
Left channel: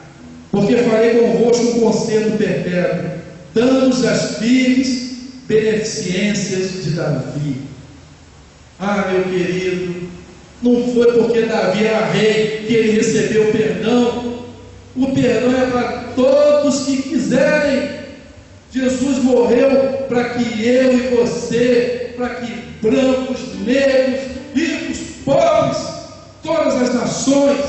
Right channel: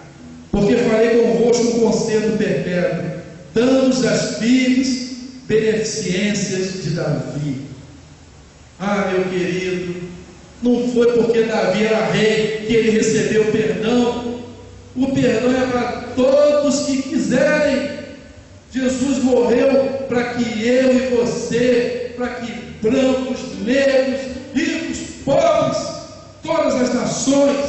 porque farei convosco um concerto perpétuo, dando-vos as firmes beneficências de Davi. Ah, meu querido, Não foi porque Davi era rei que ele recebeu perdão. O perdão é para todos que quiserem. Jesus morreu para que eu e você, para que brancos, negros, ricos, pobres, todas as nações,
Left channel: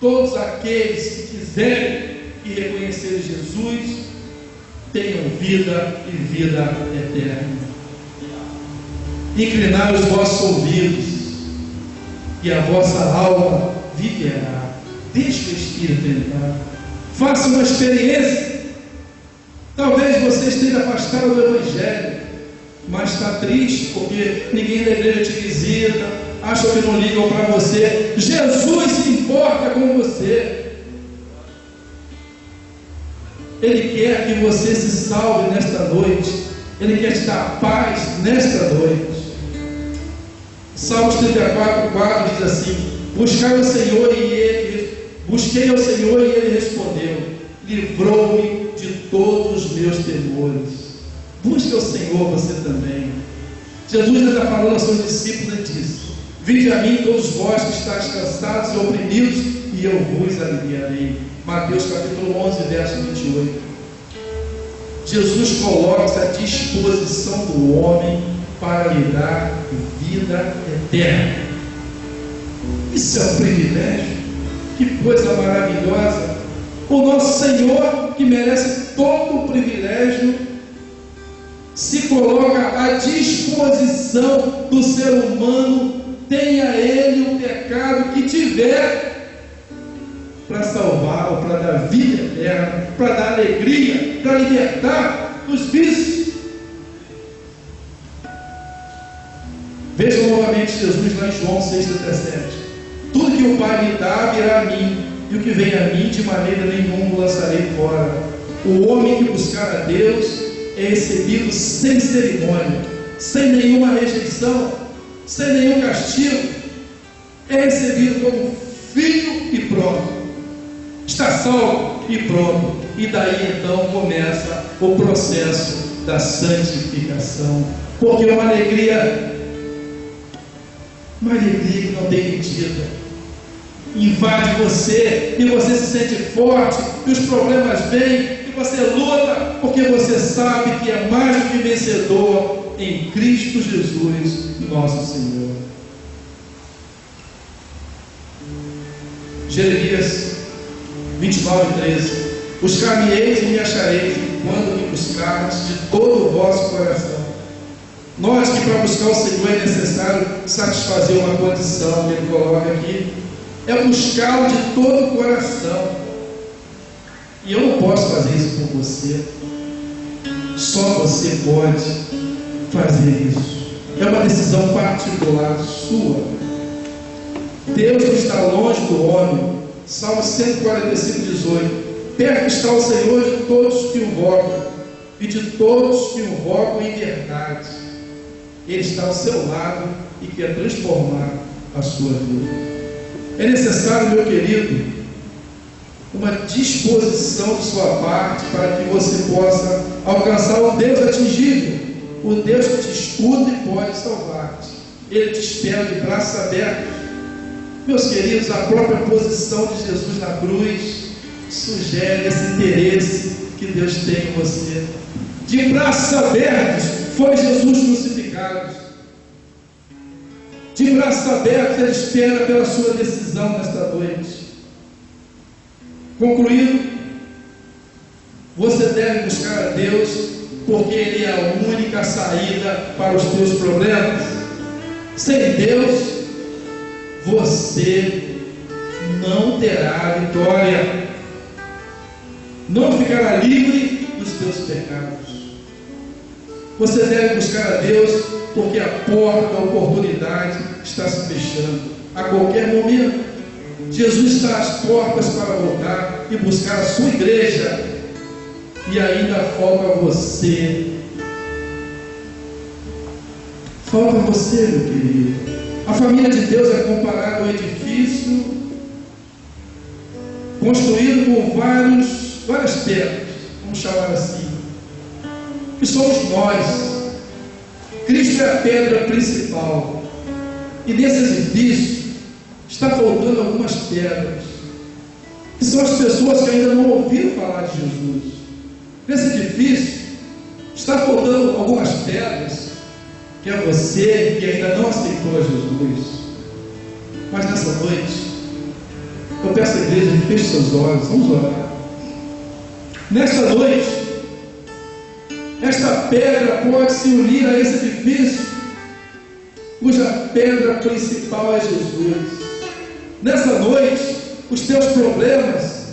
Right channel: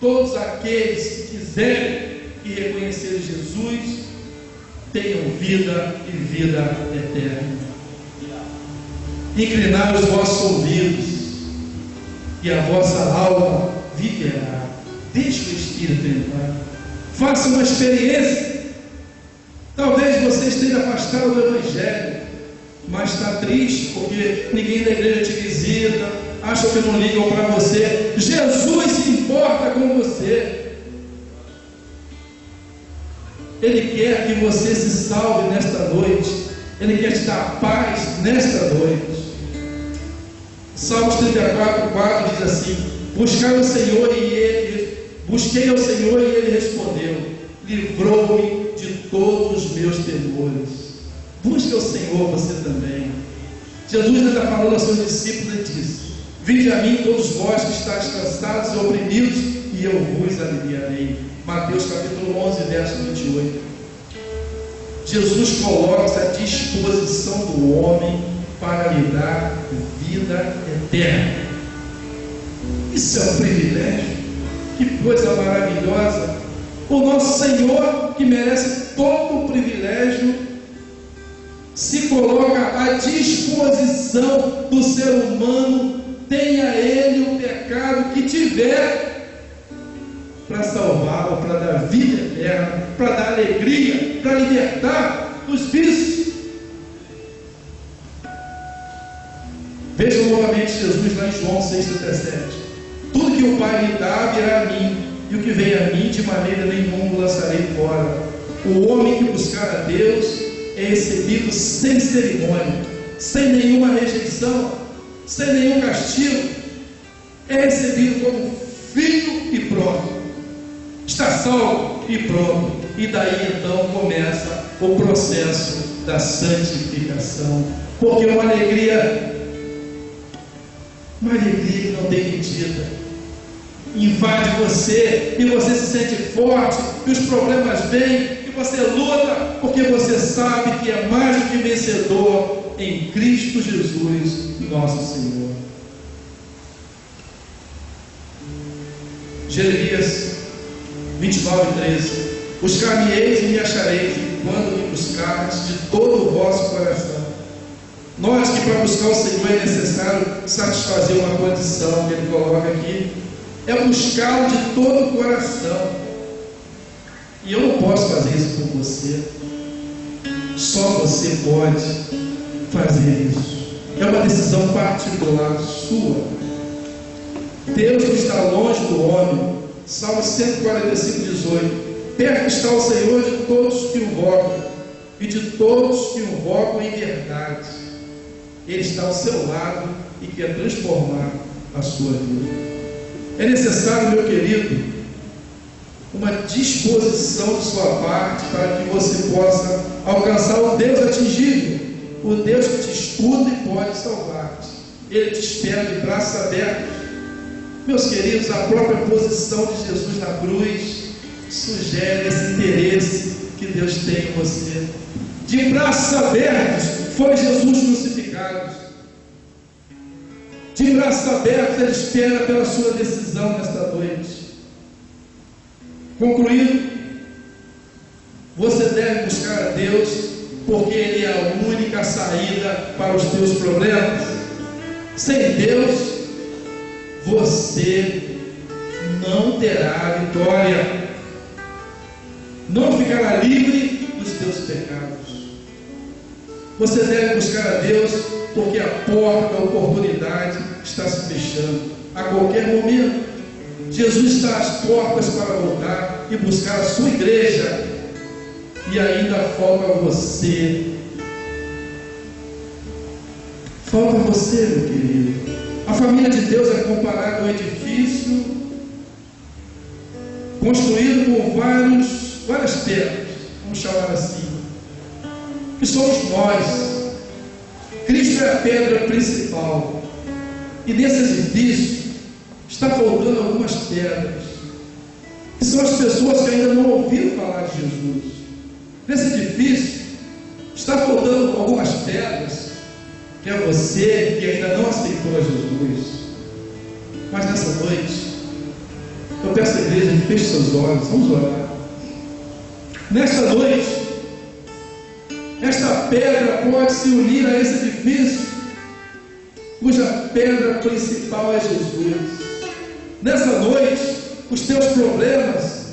todos aqueles que quiserem e reconhecerem Jesus, tenham vida e vida eterna. Inclinai os vossos ouvidos e a vossa alma viverá. Deixe o Espírito entrar. Faça uma experiência. Talvez você esteja afastado do Evangelho, mas está triste porque ninguém da igreja te visita, acha que não ligam para você. Jesus se importa com você. Ele quer que você se salve nesta noite. Ele quer te dar paz nesta noite. Salmos 34:4 diz assim: busquei ao Senhor e Ele respondeu, livrou-me de todos os meus temores. Busque ao Senhor você também. Jesus ainda falou aos seus discípulos e disse: vinde a mim todos vós que estáis cansados e oprimidos, e eu vos aliviarei. Mateus capítulo 11, verso 28. Jesus coloca-se à disposição do homem para lhe dar vida eterna. Isso é um privilégio. Que coisa maravilhosa. O nosso Senhor, que merece todo o privilégio, se coloca à disposição do ser humano, tenha ele o pecado que tiver, para salvá-lo, para dar vida eterna, para dar alegria, para libertar dos vícios. Vejam novamente Jesus lá em João 6,17. Tudo que o Pai me dá virá a mim, e o que vem a mim de maneira nenhuma o lançarei fora. O homem que buscar a Deus é recebido sem cerimônia, sem nenhuma rejeição, sem nenhum castigo. É recebido como filho e pronto. Está salvo e pronto. E daí então começa o processo da santificação. Porque é uma alegria que não tem medida. Invade você, e você se sente forte, e os problemas vêm, e você luta, porque você sabe que é mais do que vencedor em Cristo Jesus, nosso Senhor. Jeremias 29:13. Buscar-me-eis e me achareis, quando me buscardes de todo o vosso coração. Nós que para buscar o Senhor é necessário satisfazer uma condição que ele coloca aqui, é buscá-lo de todo o coração. E eu não posso fazer isso por você. Só você pode fazer isso. É uma decisão particular sua. Deus não está longe do homem. Salmo 145:18. Perto está o Senhor de todos que o invocam, e de todos que o invocam em verdade. Ele está ao seu lado e quer transformar a sua vida. É necessário, meu querido, uma disposição de sua parte para que você possa alcançar o Deus atingível, o Deus que te escuta e pode salvar-te. Ele te espera de braços abertos. Meus queridos, a própria posição de Jesus na cruz sugere esse interesse que Deus tem em você. De braços abertos foi Jesus crucificado. De braços abertos Ele espera pela sua decisão nesta noite. Concluindo, você deve buscar a Deus, porque Ele é a única saída para os teus problemas. Sem Deus, você não terá vitória, não ficará livre dos teus pecados. Você deve buscar a Deus, porque a porta da oportunidade está se fechando a qualquer momento. Jesus está às portas para voltar e buscar a sua igreja, e ainda falta você. Falta você, meu querido. A família de Deus é comparada a um edifício construído com várias pedras, vamos chamar assim, que somos nós. Cristo é a pedra principal. E nesse edifício está faltando algumas pedras, que são as pessoas que ainda não ouviram falar de Jesus. Nesse edifício está faltando algumas pedras, que é você que ainda não aceitou a Jesus. Mas nessa noite, eu peço à igreja que feche seus olhos, vamos orar. Nesta noite, esta pedra pode se unir a esse edifício, cuja pedra principal é Jesus. Nessa noite, os teus problemas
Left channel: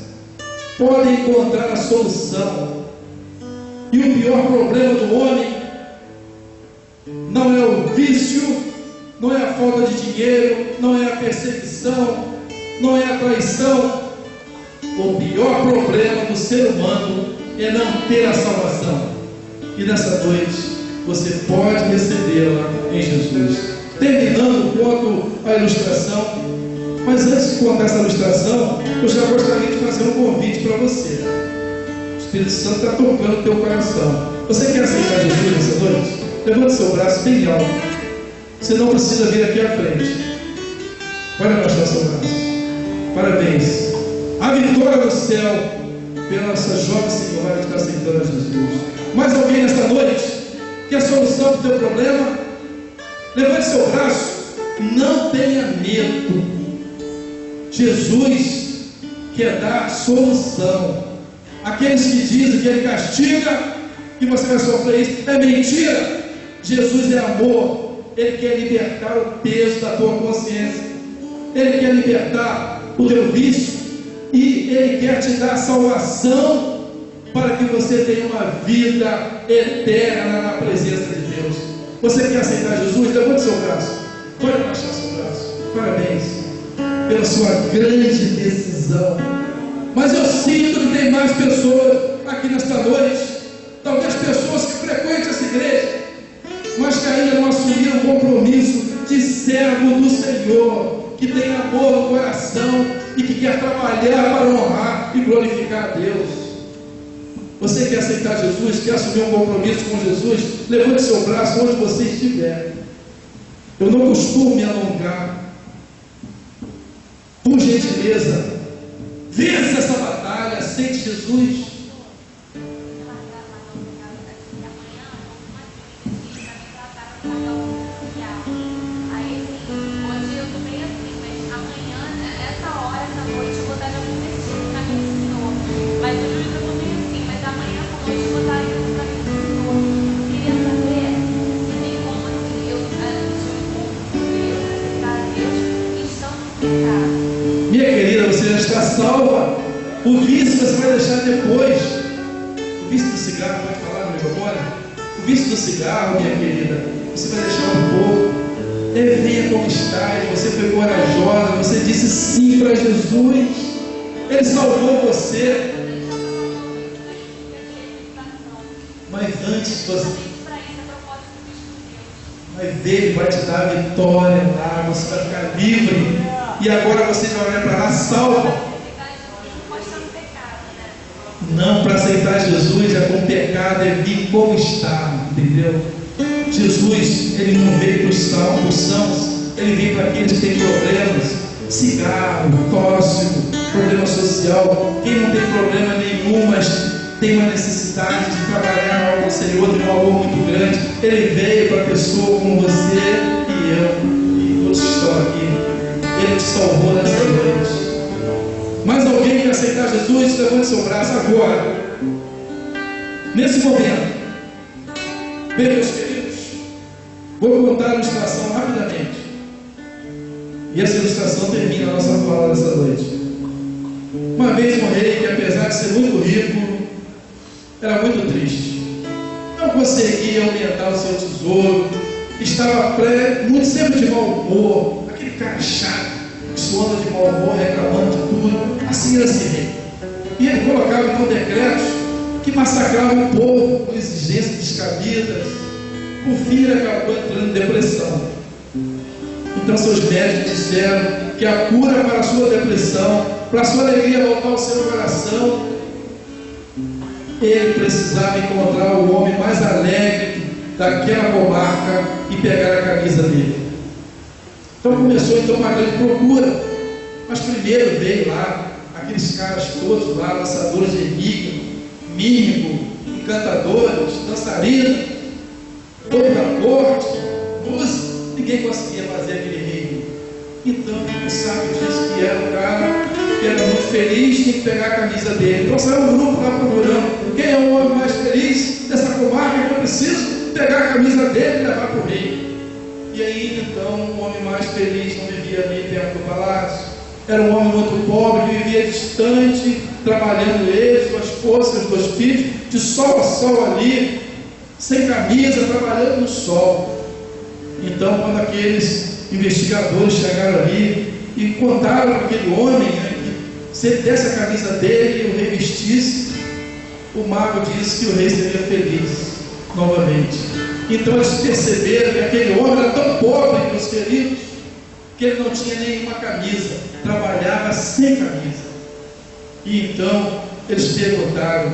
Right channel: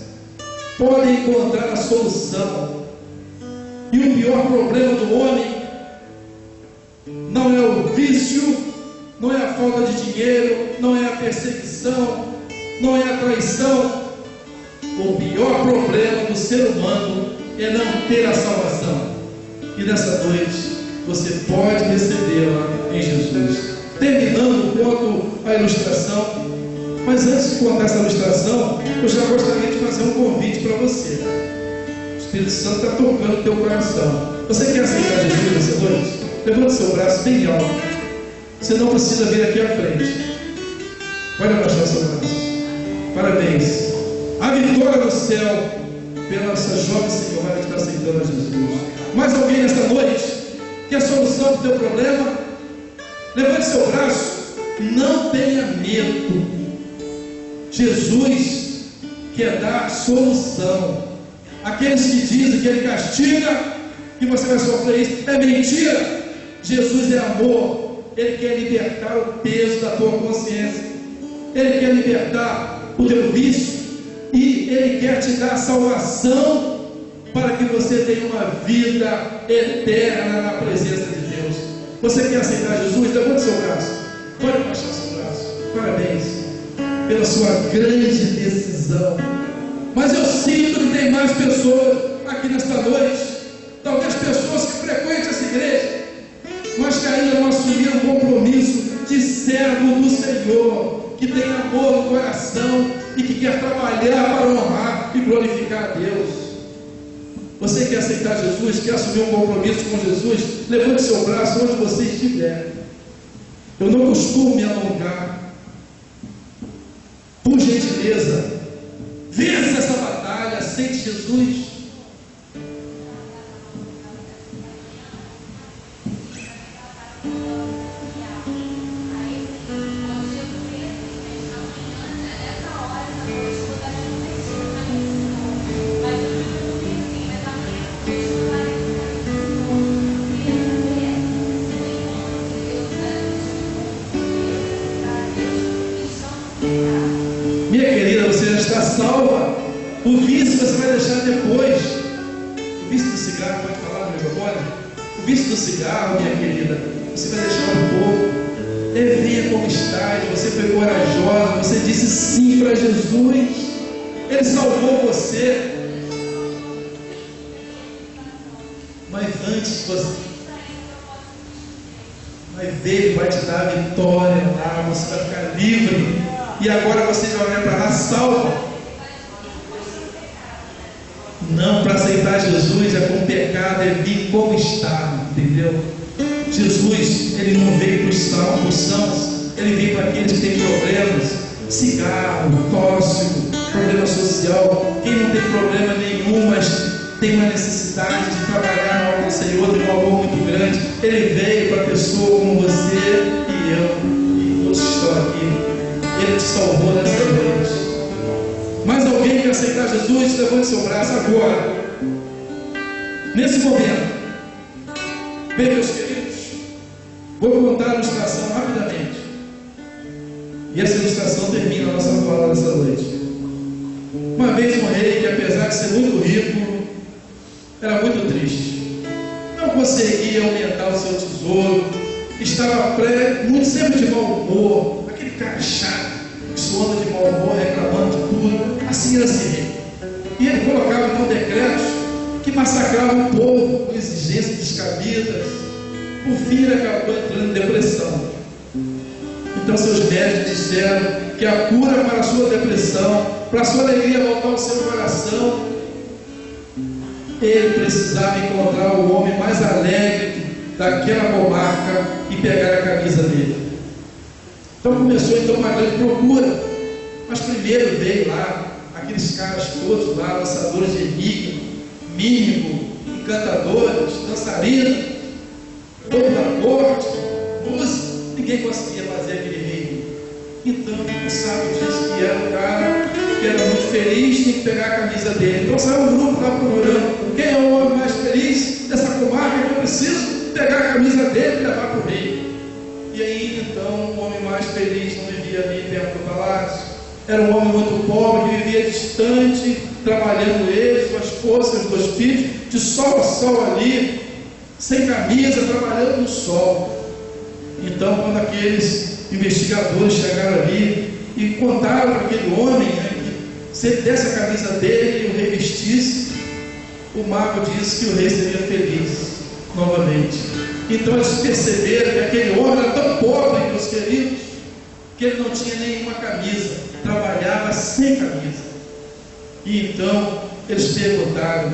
podem encontrar a solução. E o pior problema do homem não é o vício, não é a falta de dinheiro, não é a perseguição, não é a traição. O pior problema do ser humano é não ter a salvação. E nessa noite você pode recebê-la em Jesus. Terminando, conto a ilustração. Mas antes de contar essa ilustração, eu já gostaria de fazer um convite para você. O Espírito Santo está tocando o teu coração. Você quer aceitar Jesus nessa noite? Levante seu braço bem alto. Você não precisa vir aqui à frente. Pode abaixar seu braço. Parabéns. A vitória do céu pela essa jovem senhora que está aceitando a Jesus. Mais alguém nesta noite quer a solução do teu problema? Levante seu braço. Não tenha medo. Jesus quer dar solução. Aqueles que dizem que Ele castiga, que você vai sofrer isso, é mentira. Jesus é amor. Ele quer libertar o peso da tua consciência. Ele quer libertar o teu vício. E Ele quer te dar salvação para que você tenha uma vida eterna na presença de Deus. Você quer aceitar Jesus? Levante seu braço. Pode baixar seu braço. Parabéns pela sua grande decisão. Mas eu sinto que tem mais pessoas aqui nesta noite, talvez pessoas que frequentam essa igreja, mas que ainda não assumiram o compromisso de servo do Senhor, que tem amor no coração e que quer trabalhar para honrar e glorificar a Deus. Você quer aceitar Jesus, quer assumir um compromisso com Jesus? Levante seu braço onde você estiver. Eu não costumo me alongar. Por gentileza, vença essa batalha, aceite Jesus. Minha querida, você já está salva. O vício você vai deixar depois. O vício do cigarro, pode falar no microfone? O vício do cigarro, minha querida, você vai deixar um pouco. Venha como está. Você foi corajosa, você disse sim para Jesus. Ele salvou você. Mas antes Ele vai te dar a vitória lá, você vai ficar livre. E agora você vai olhar para lá salvo. Não, para aceitar Jesus é com pecado, é vir como está, entendeu? Jesus, Ele não veio para os sãos, Ele veio para aqueles que têm problemas, cigarro, tóxico, problema social. Quem não tem problema nenhum, mas tem uma necessidade de trabalhar com o Senhor, tem um amor muito grande. Ele veio para pessoa como você e eu, e todos que estão aqui. Ele te salvou nessa noite. Mais alguém quer aceitar Jesus? Levante seu braço agora. Nesse momento. Bem, meus queridos, vou contar a ilustração rapidamente. E essa ilustração termina a nossa fala dessa noite. Uma vez um rei que, apesar de ser muito rico, era muito triste. Não conseguia aumentar o seu tesouro. Estava muito sempre de mau humor. Aquele cara chato, que só anda de mau humor, reclamando de tudo. Assim era esse rei. E ele colocava então decretos que massacravam o povo com exigências descabidas. Por fim, ele acabou entrando em depressão. Então seus médicos disseram que a cura para a sua depressão, para a sua alegria voltar ao seu coração, ele precisava encontrar o homem mais alegre daquela comarca e pegar a camisa dele. Então começou então uma grande procura. Mas primeiro veio lá aqueles caras todos lá, lançadores de enigma, mímico, encantadores, dançarinos, povo da corte, música. Ninguém conseguia fazer aquele rei. Então o sábio disse que era um cara que era muito feliz, tinha que pegar a camisa dele. Então saiu um grupo lá procurando quem é o homem mais feliz dessa comarca, que eu preciso pegar a camisa dele e levar para o rei. E aí então o homem mais feliz não vivia ali dentro do palácio. Era um homem muito pobre, que vivia distante, trabalhando ele, sua esposa, seus 2 filhos, de sol a sol ali, sem camisa, trabalhando no sol. Então, quando aqueles investigadores chegaram ali e contaram para aquele homem, né, que se ele desse a camisa dele e o revestisse, o mago disse que o rei seria feliz novamente. Então eles perceberam que aquele homem era tão pobre, meus queridos, que ele não tinha nenhuma camisa, trabalhava sem camisa. E então eles perguntaram,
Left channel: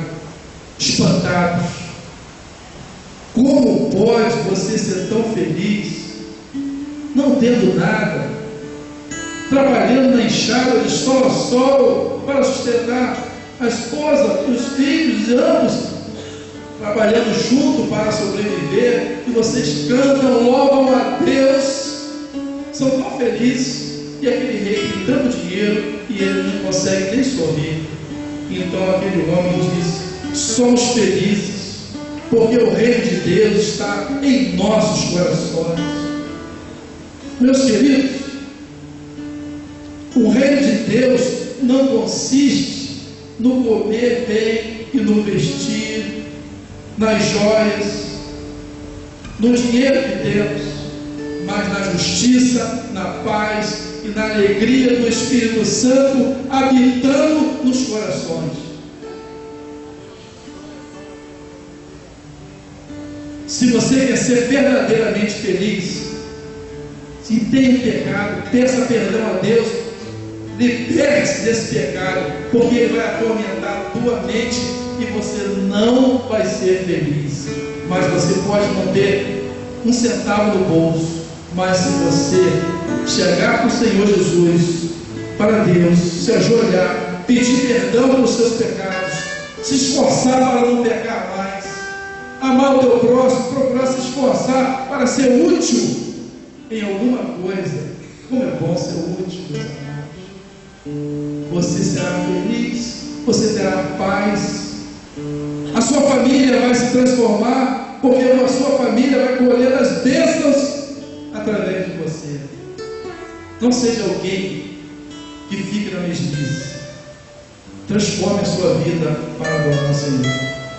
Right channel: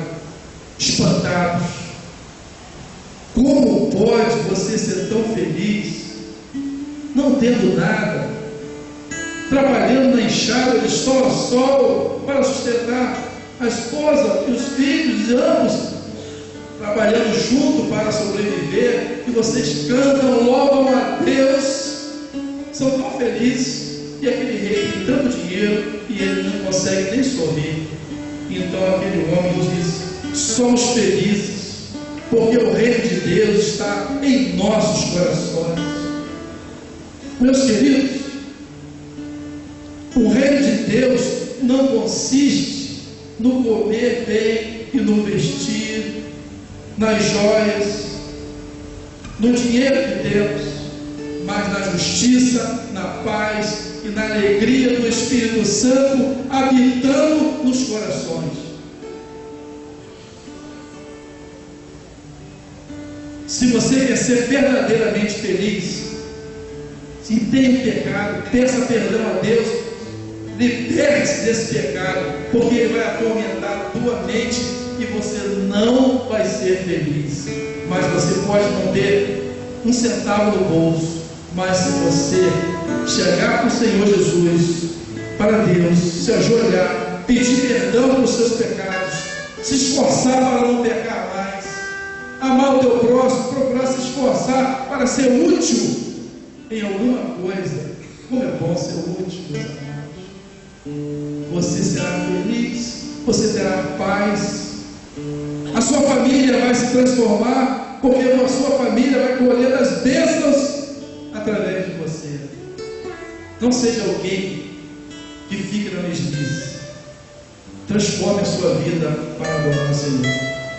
espantados: como pode você ser tão feliz, não tendo nada, trabalhando na enxada de sol a sol para sustentar a esposa e os filhos, e ambos trabalhando junto para sobreviver, e vocês cantam, louvam a Deus, são tão felizes, e aquele rei tem tanto dinheiro e ele não consegue nem sorrir. Então aquele homem disse: somos felizes, porque o reino de Deus está em nossos corações. Meus queridos, o reino de Deus não consiste no comer bem e no vestir, nas joias, no dinheiro que temos, mas na justiça, na paz e na alegria do Espírito Santo habitando nos corações. Se você quer ser verdadeiramente feliz, se tem pecado, peça perdão a Deus, liberte-se desse pecado, porque ele vai atormentar a tua mente e você não vai ser feliz. Mas você pode não ter um centavo no bolso, mas se você chegar para o Senhor Jesus, para Deus, se ajoelhar, pedir perdão pelos seus pecados, se esforçar para não pecar mais, amar o teu próximo, procurar se esforçar para ser útil em alguma coisa. Como é bom ser útil, meus amados. Você será feliz, você terá paz, a sua família vai se transformar, porque a sua família vai colher as bênçãos através de você. Não seja alguém que fique na mesmice. Transforme a sua vida para adorar o Senhor.